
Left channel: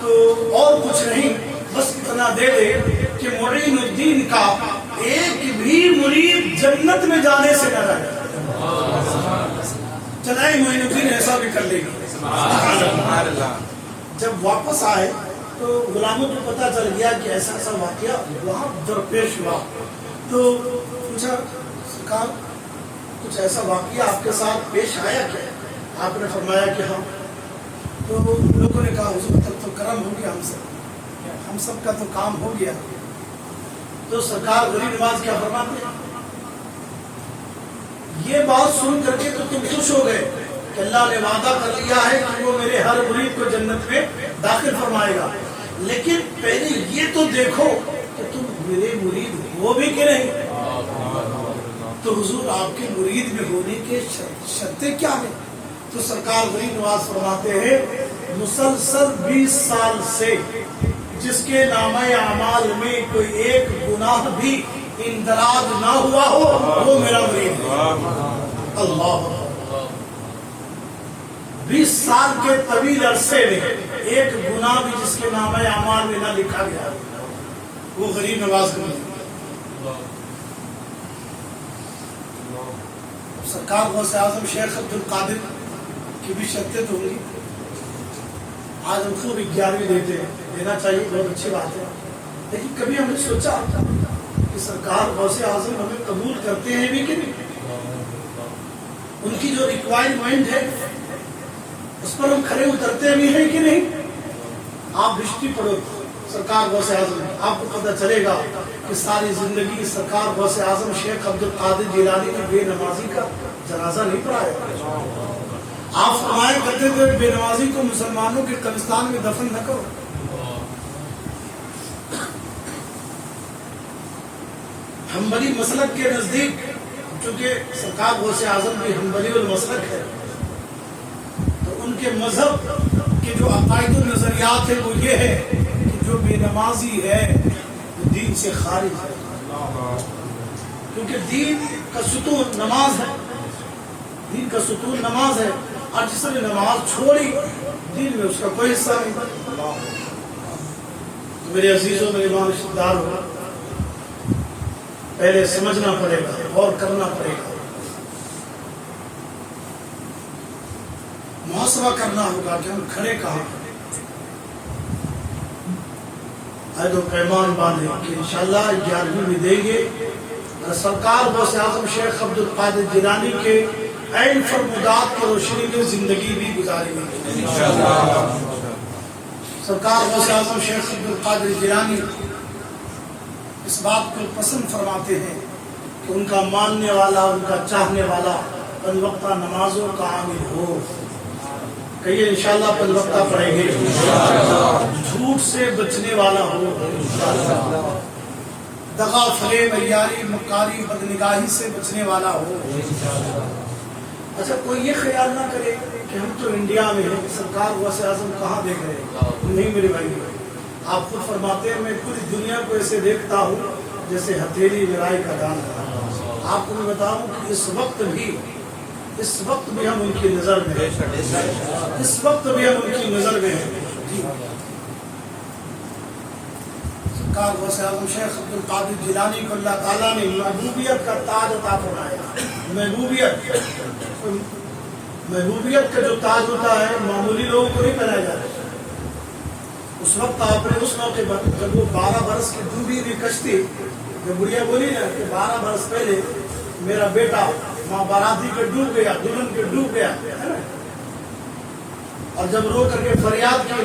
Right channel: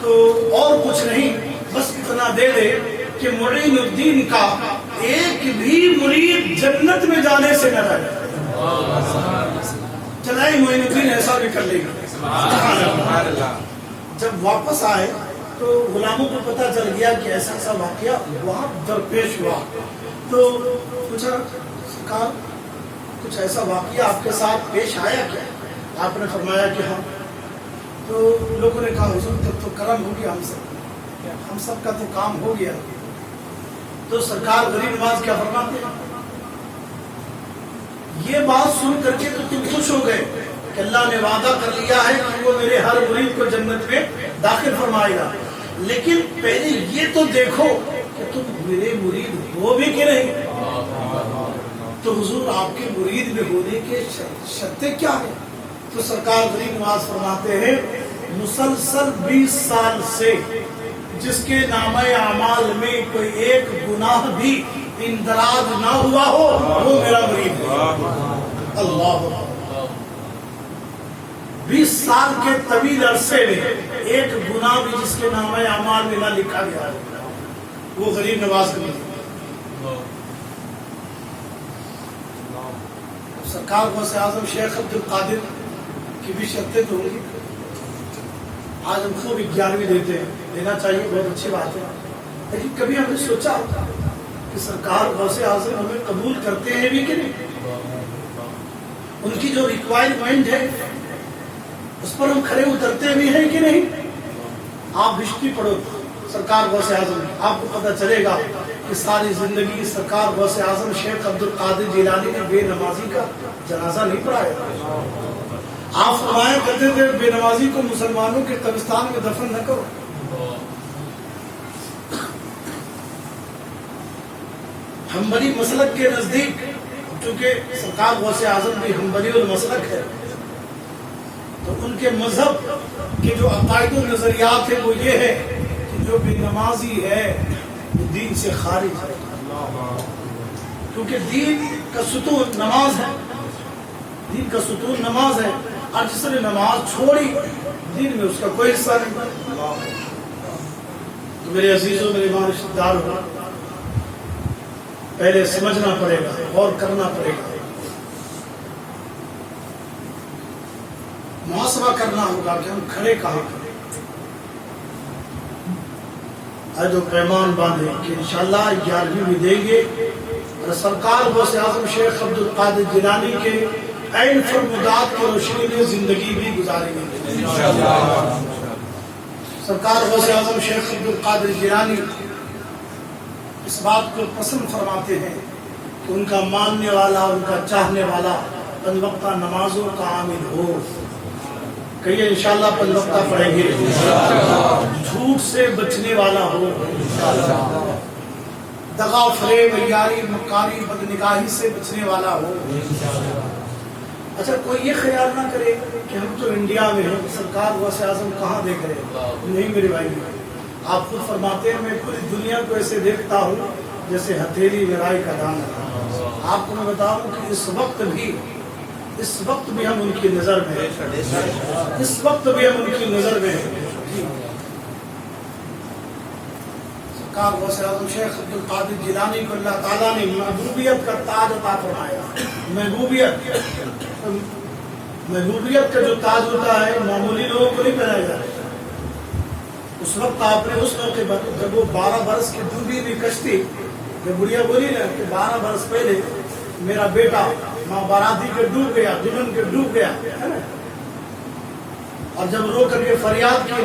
تو اور کچھ نہیں، بس اتنا دے دے کہ معین الدین کا ایک بھی مرید جنت میں جانے سے نہ جائے۔ چلائے معین الدین ایسا بھی کر لے گا۔ جب واپس آئے تو غلاموں کو پتہ چل گیا کہ ایسا ایسا واقعہ وہاں درپیش ہوا، تو پوچھا سرکار کچھ ایسا واقعہ آپ کے ساتھ پیش آیا کیا؟ آپ نے فرمایا کہ ہاں۔ تو لوگوں نے کہا حضور تب تو کرم ہو گیا، ہم سب کا تو کام ہو گیا۔ تو سرکار غریب نواز کیا فرماتے ہیں؟ یہ بات سن کر کے تو تم خوش ہو گئے کہ اللہ نے وعدہ کر لیا ہے کہ وہ میرے ہر مرید کو جنت میں داخل فرمائے گا، لیکن پہلے یہ تو دیکھو کہ تم میرے مرید ہو بھی کہ نہیں۔ تو حضور آپ کے مرید میں ہونے کے شرطیں کیا ہیں؟ تو سرکار غریب نواز فرماتے ہیں مسلسل 20 سال سے جس کے نامہ اعمال میں کوئی ایک گناہ بھی اندراج نہ ہوا ہو وہ میرا مرید ہے۔ اللہ، 20 سال کے طویل عرصے میں ایک گناہ بھی جس کے نامہ اعمال میں نہ لکھا گیا وہ غریب نواز کا مرید ہے۔ سرکار غوث اعظم شیخ عبد القادر کی بھی شرطیں تو ہوگی، آج ہم کو بھی 11ویں دیتے ہیں، دینا چاہیے، بہت اچھی بات ہے، لیکن کبھی ہم نے سوچا کہ سرکار غوث اعظم ہمیں قبول کرتے ہیں بھی کہ نہیں؟ ان کی جو ریکوائرمنٹ ہے اس پر ہم کھڑے اترتے بھی ہیں کہ نہیں؟ آپ ہسٹری پڑھو سرکار غوث اعظم، آپ کو پتہ چلے گا کہ ساری زندگی سرکار غوث اعظم شیخ عبد القادر جیلانی نے بے نمازی کا جنازہ نہیں پڑھایا۔ آپ فرمایا کرتے تھے بے نمازی کو مسلمانوں کے قبرستان میں دفن نہ کرو۔ حنبلی مسلک کے نزدیک، چونکہ سرکار غوث اعظم بھی حنبلی المسلک ہے، تو ان کے مذہب کے جو عقائد و نظریات ہیں وہ یہ ہے کہ جو بے نمازی ہے وہ دین سے خارج ہے، کیونکہ دین کا ستون نماز ہے، دین کا ستون نماز ہے، اور جس نے نماز چھوڑی دین میں اس کا کوئی حصہ نہیں۔ تو میرے عزیزوں، میرے رشتہ داروں، پہلے سمجھنا پڑے گا، غور کرنا پڑے گا، محاسبہ کرنا ہوگا کہ ہم کھڑے کہاں ہیں۔ عہد و پیمان باندھے کہ انشاءاللہ 11ویں بھی دیں گے، اور سرکار غوث اعظم شیخ عبد القادر جیلانی کے عین فرمودات کی روشنی میں زندگی بھی گزاریں گے سرکار غوث اعظم شیخ عبد القادر جیلانی اس بات کو پسند فرماتے ہیں کہ ان کا ماننے والا، ان کا چاہنے والا پنج وقتہ نمازوں کا عامل ہو۔ کہیے انشاءاللہ پنج وقتہ پڑھیں گے، جھوٹ سے بچنے والا ہو، دغا فریب عیاری مکاری بدنگاہی سے بچنے والا ہو۔ اچھا کوئی یہ خیال نہ کرے کہ ہم تو انڈیا میں ہیں، سرکار غوث اعظم کہاں دیکھ رہے ہیں؟ نہیں میرے بھائی، آپ خود فرماتے ہیں میں پوری دنیا کو ایسے دیکھتا ہوں جیسے ہتھیلی لڑائی کا دام ہے۔ آپ کو میں بتاؤں کہ اس وقت بھی ہم ان کی نظر میں ہیں، اس وقت بھی ہم ان کی نظر میں ہیں۔ سرکار غوث اعظم شیخ عبد القادر جیلانی کو اللہ تعالیٰ نے محبوبیت کا تاج عطا فرمایا۔ محبوبیت کا جو تاج ہوتا ہے معمولی لوگوں کو نہیں پہنایا جاتا۔ اس وقت آپ نے اس موقع پر جب وہ 12 برس کی ڈوبی ہوئی کشتی میں بڑھیا بولی نا کہ 12 برس پہلے میرا بیٹا ماں باراتی کے ڈوب گیا، دلہن کے ڈوب گیا، اور جب رو کر کے فریاد کی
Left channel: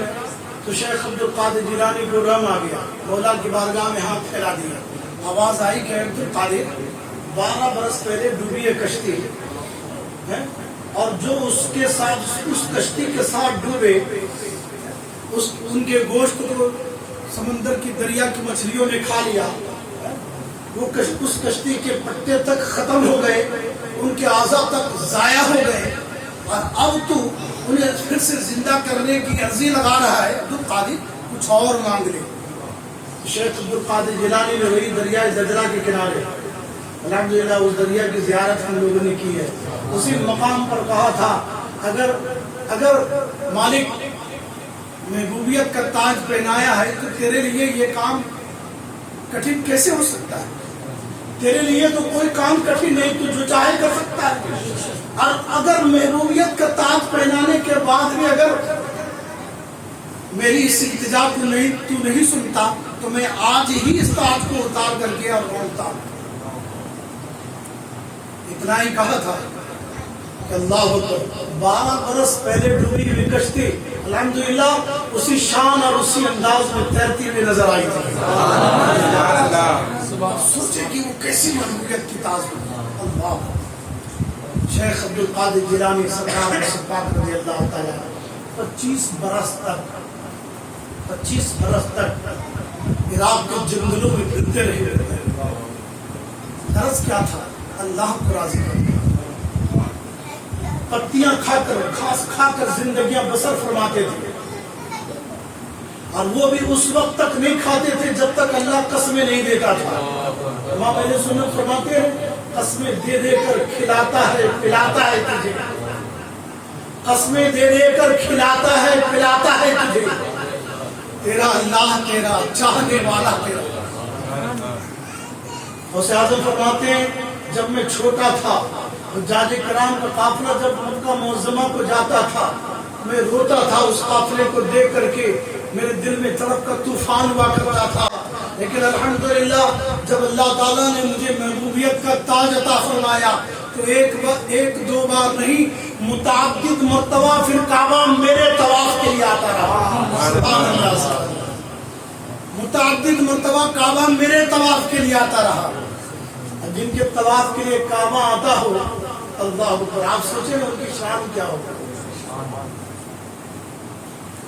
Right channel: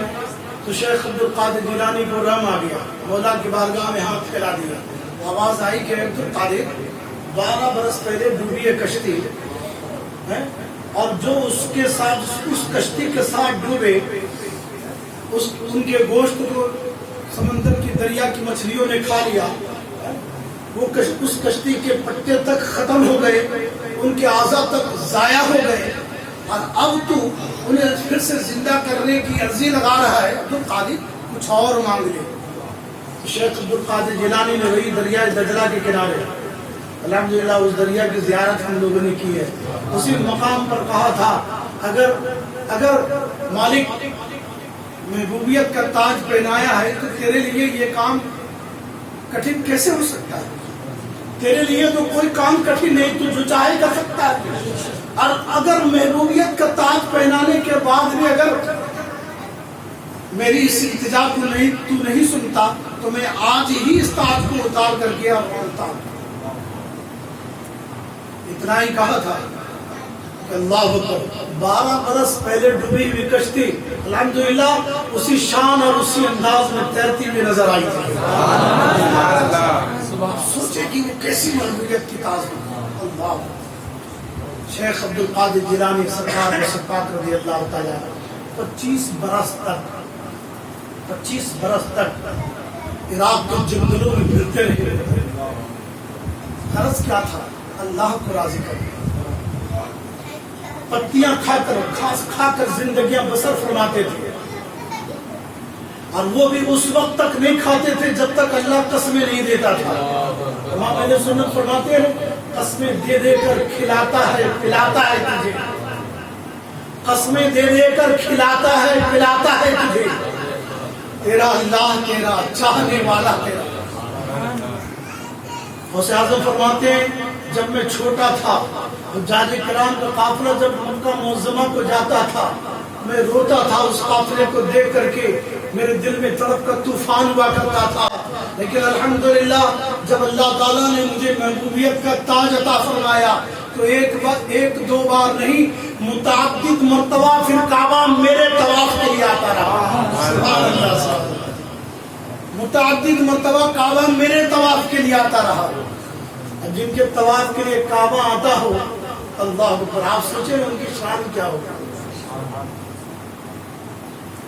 تو شیخ عبد القادر جیلانی کو رحم آ گیا، مولا کی بارگاہ میں ہاتھ پھیلا دیا، آواز آئی کہ عبد القادر 12 برس پہلے ڈوبی ہے کشتی، اور جو اس کے ساتھ اس کشتی کے ساتھ ڈوبے ان کے گوشت کو سمندر کی دریا کی مچھلیوں نے کھا لیا، وہ اس کشتی کے پٹے تک ختم ہو گئے، ان کے اعضاء تک ضائع ہو گئے، اور اب تو انہیں پھر سے زندہ کرنے کی عرضی لگا رہا ہے عبد القادر کچھ اور مانگ لے۔ شیخ عبد القادر جیلانی نے وہی دریائے دجلہ کے کنارے الحمدللہ اس دریا کی زیارت ہم لوگوں نے کی ہے، اسی مقام پر کہا تھا اگر مالک محبوبیت کا تاج پہنایا ہے تو تیرے لیے یہ کام کٹھن کیسے ہو سکتا ہے؟ تیرے لیے تو کوئی کام کٹھن نہیں، تو جو چاہے کر سکتا ہے۔ اور اگر محبوبیت کا تاج پہنانے کے بعد بھی اگر میری اس التجا کو تو نہیں سنتا تو میں آج ہی اس تاج کو اتار کر کے اور مانتا ہوں۔ اتنا ہی کہا تھا کہ اللہ اکبر 12 برس پہلے ڈوبی ہوئی کشتی الحمدللہ اسی شان اور اسی انداز میں تیرتی ہوئی نظر آئی تھی۔ سوچے کہ وہ کیسی محبوبیت کی تاج ہے۔ اللہ شیخ عبد القادر جیلانی سرکار پاک رضی اللہ تعالیٰ 25 برس تک عراق کے جنگلوں میں پھرتے رہے۔ غرض کیا تھا؟ اللہ کو راضی کرنا، پتیاں کھا کر گھاس کھا کر زندگیاں بسر فرماتے تھے، اور وہ بھی اس وقت تک نہیں کھاتے تھے جب تک اللہ قسمیں نہیں دیتا تھا۔ امام اہل سنت فرماتے ہیں قسمیں دے دے کر کھلاتا ہے پلاتا ہے تجھے، قسمیں دے دے کر کھلاتا ہے پلاتا ہے تجھے، تیرا اللہ تیرا چاہنے والا تیرا۔ غوث اعظم فرماتے ہیں جب میں چھوٹا تھا حجاج کرام کا قافلہ جب مکہ معظمہ کو جاتا تھا میں روتا تھا، اس قافلے کو دیکھ کر کے میرے دل میں تڑپ کا طوفان ہوا کرتا تھا، لیکن الحمدللہ جب اللہ تعالیٰ نے مجھے محبوبیت کا تاج عطا فرمایا تو ایک دو بار نہیں متعدد مرتبہ پھر کعبہ میرے طواف کے لیے آتا رہا۔ سبحان اللہ، متعدد مرتبہ کعبہ میرے طواف کے لیے آتا رہا۔ جن کے طواف کے لیے کعبہ آتا ہو اللہ پر آپ سوچیں ان کی شان کیا ہوگا۔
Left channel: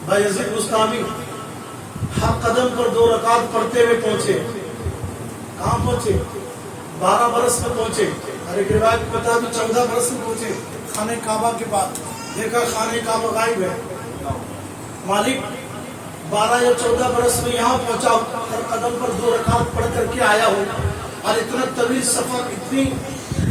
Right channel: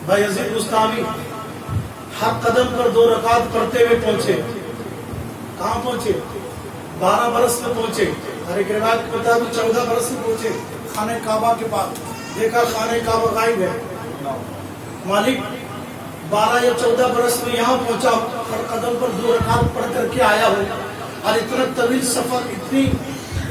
بھائی یزید بستامی ہر قدم پر 2 رکعت پڑھتے ہوئے پہنچے، کہاں پہنچے؟ 12 برس میں پہنچے، ہر ایک روایت کو بتا دوں 14 برس میں پہنچے خانہ کعبہ کے پاس، دیکھا خانہ کعبہ غائب ہے۔ مالک 12 یا 14 برس میں یہاں پہنچا، ہر قدم پر 2 رکعت پڑھ کر کے آیا ہو، اور اتنا طویل سفر، اتنی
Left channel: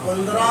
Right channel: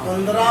15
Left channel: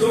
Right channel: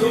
2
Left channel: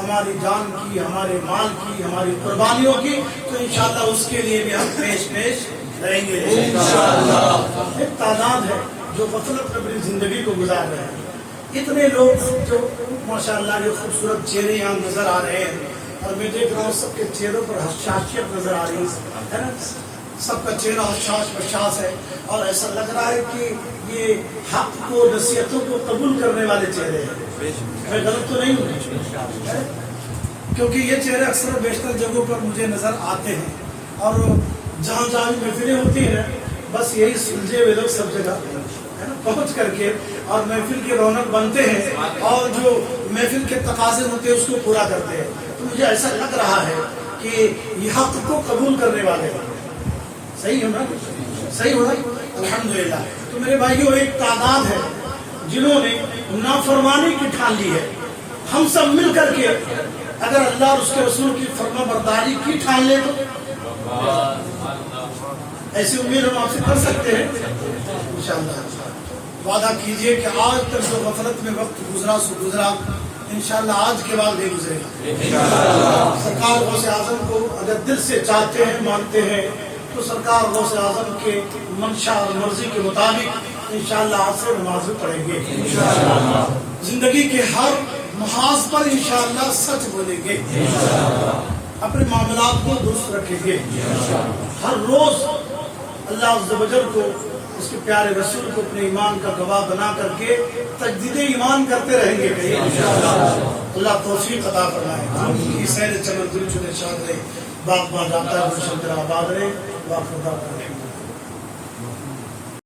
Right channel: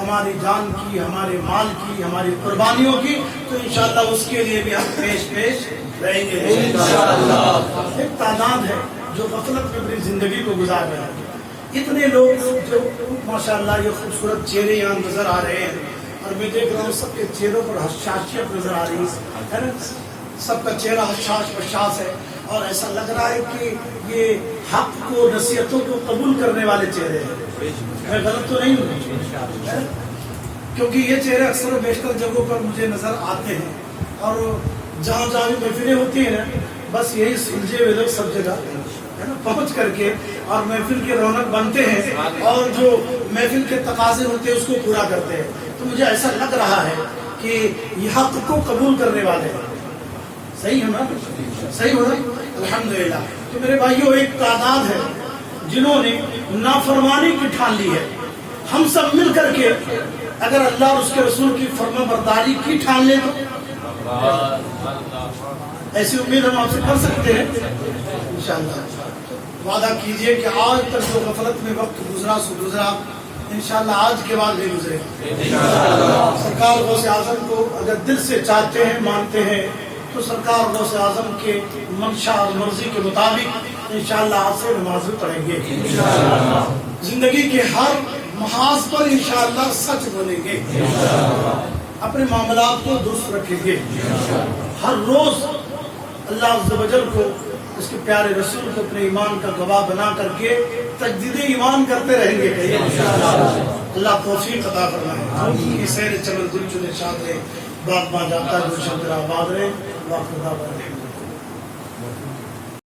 ہماری جان کی، ہمارے مال کی، ہماری قربانیوں کی، تو انشاءاللہ اس کے لیے بھی ہم پیش رہیں گے انشاءاللہ۔ ایک تعداد ہے جو غفلت میں اپنی زندگی کو گزار رہے ہیں، اتنے لوگ جو ماشاءاللہ یہ خوبصورت چہرے یہاں نظر آ رہے ہیں، اور میں دیکھ رہا ہوں سب کے چہروں پر حشاشیت نظر آ رہی ہے نا، سب کا چہرہ حشاش بشاش ہے، اور ایسا لگ رہا ہے کہ یہ حق کو، نصیحتوں کو قبول کرنے والے چہرے ہیں۔ میں غلط تو نہیں ہوں؟ کیونکہ یہ چہرے اکثر بیشتر جگہوں پر مجھے نظر آتے ہیں، اور جہاں جہاں بھی محفلیں ہوتی ہیں نا، بس یہی سلجھے ہوئے لوگ سب جگہ ہے نا پہنچ کر کے اور محفل کی رونق بنتے ہیں، اور جو محفل کے تقاضے ہوتے ہیں اس کو پورا کرتے ہیں۔ تو مجھے ایسا لگ رہا ہے کہ یہ حق کو قبول کرنے والے ہیں۔ صحیح ہونا، صحیح ہونا، الحمدللہ۔ تو میرے بھائیوں، ایک تعداد ہے جنہوں نے نافرمانی کی ٹھان لی ہے۔ ہم سب مل کر کے اگر اللہ اور اس کے رسول کی فرما برداری کی ٹھان لیں تو ایسی امید ہم آپ سے کر سکتے ہیں انشاءاللہ۔ وعدہ کیجئے کہ آج تک جو غفلت میں وقت گزرا سو گزرا، انشاءاللہ آج کے بعد نہیں گزرے گا۔ سرکار غوث اعظم کو اگر دل سے چاہتے ہیں، مانتے ہیں، تو سرکار غوث اعظم کے منشا اور مرضی کے مطابق انشاءاللہ آج سے نماز بھی پڑھیں گے، زندگی کے ہر محاذ پر انشاءاللہ سچ بولیں گے، اپنے معاملات کو درست رکھیں گے، ہر روز اللہ عز و جل کو، اس کے پیارے رسول کو اپنے ایمان کا گواہ بنا کر کے تجدید ایمان کرتے رہیں گے۔ اللہ توفیق عطا فرمائے۔ سیر چمن گل چنے شاد رہے، باغ باں جاتا ہے گلشن تیرا آباد رہے، واقع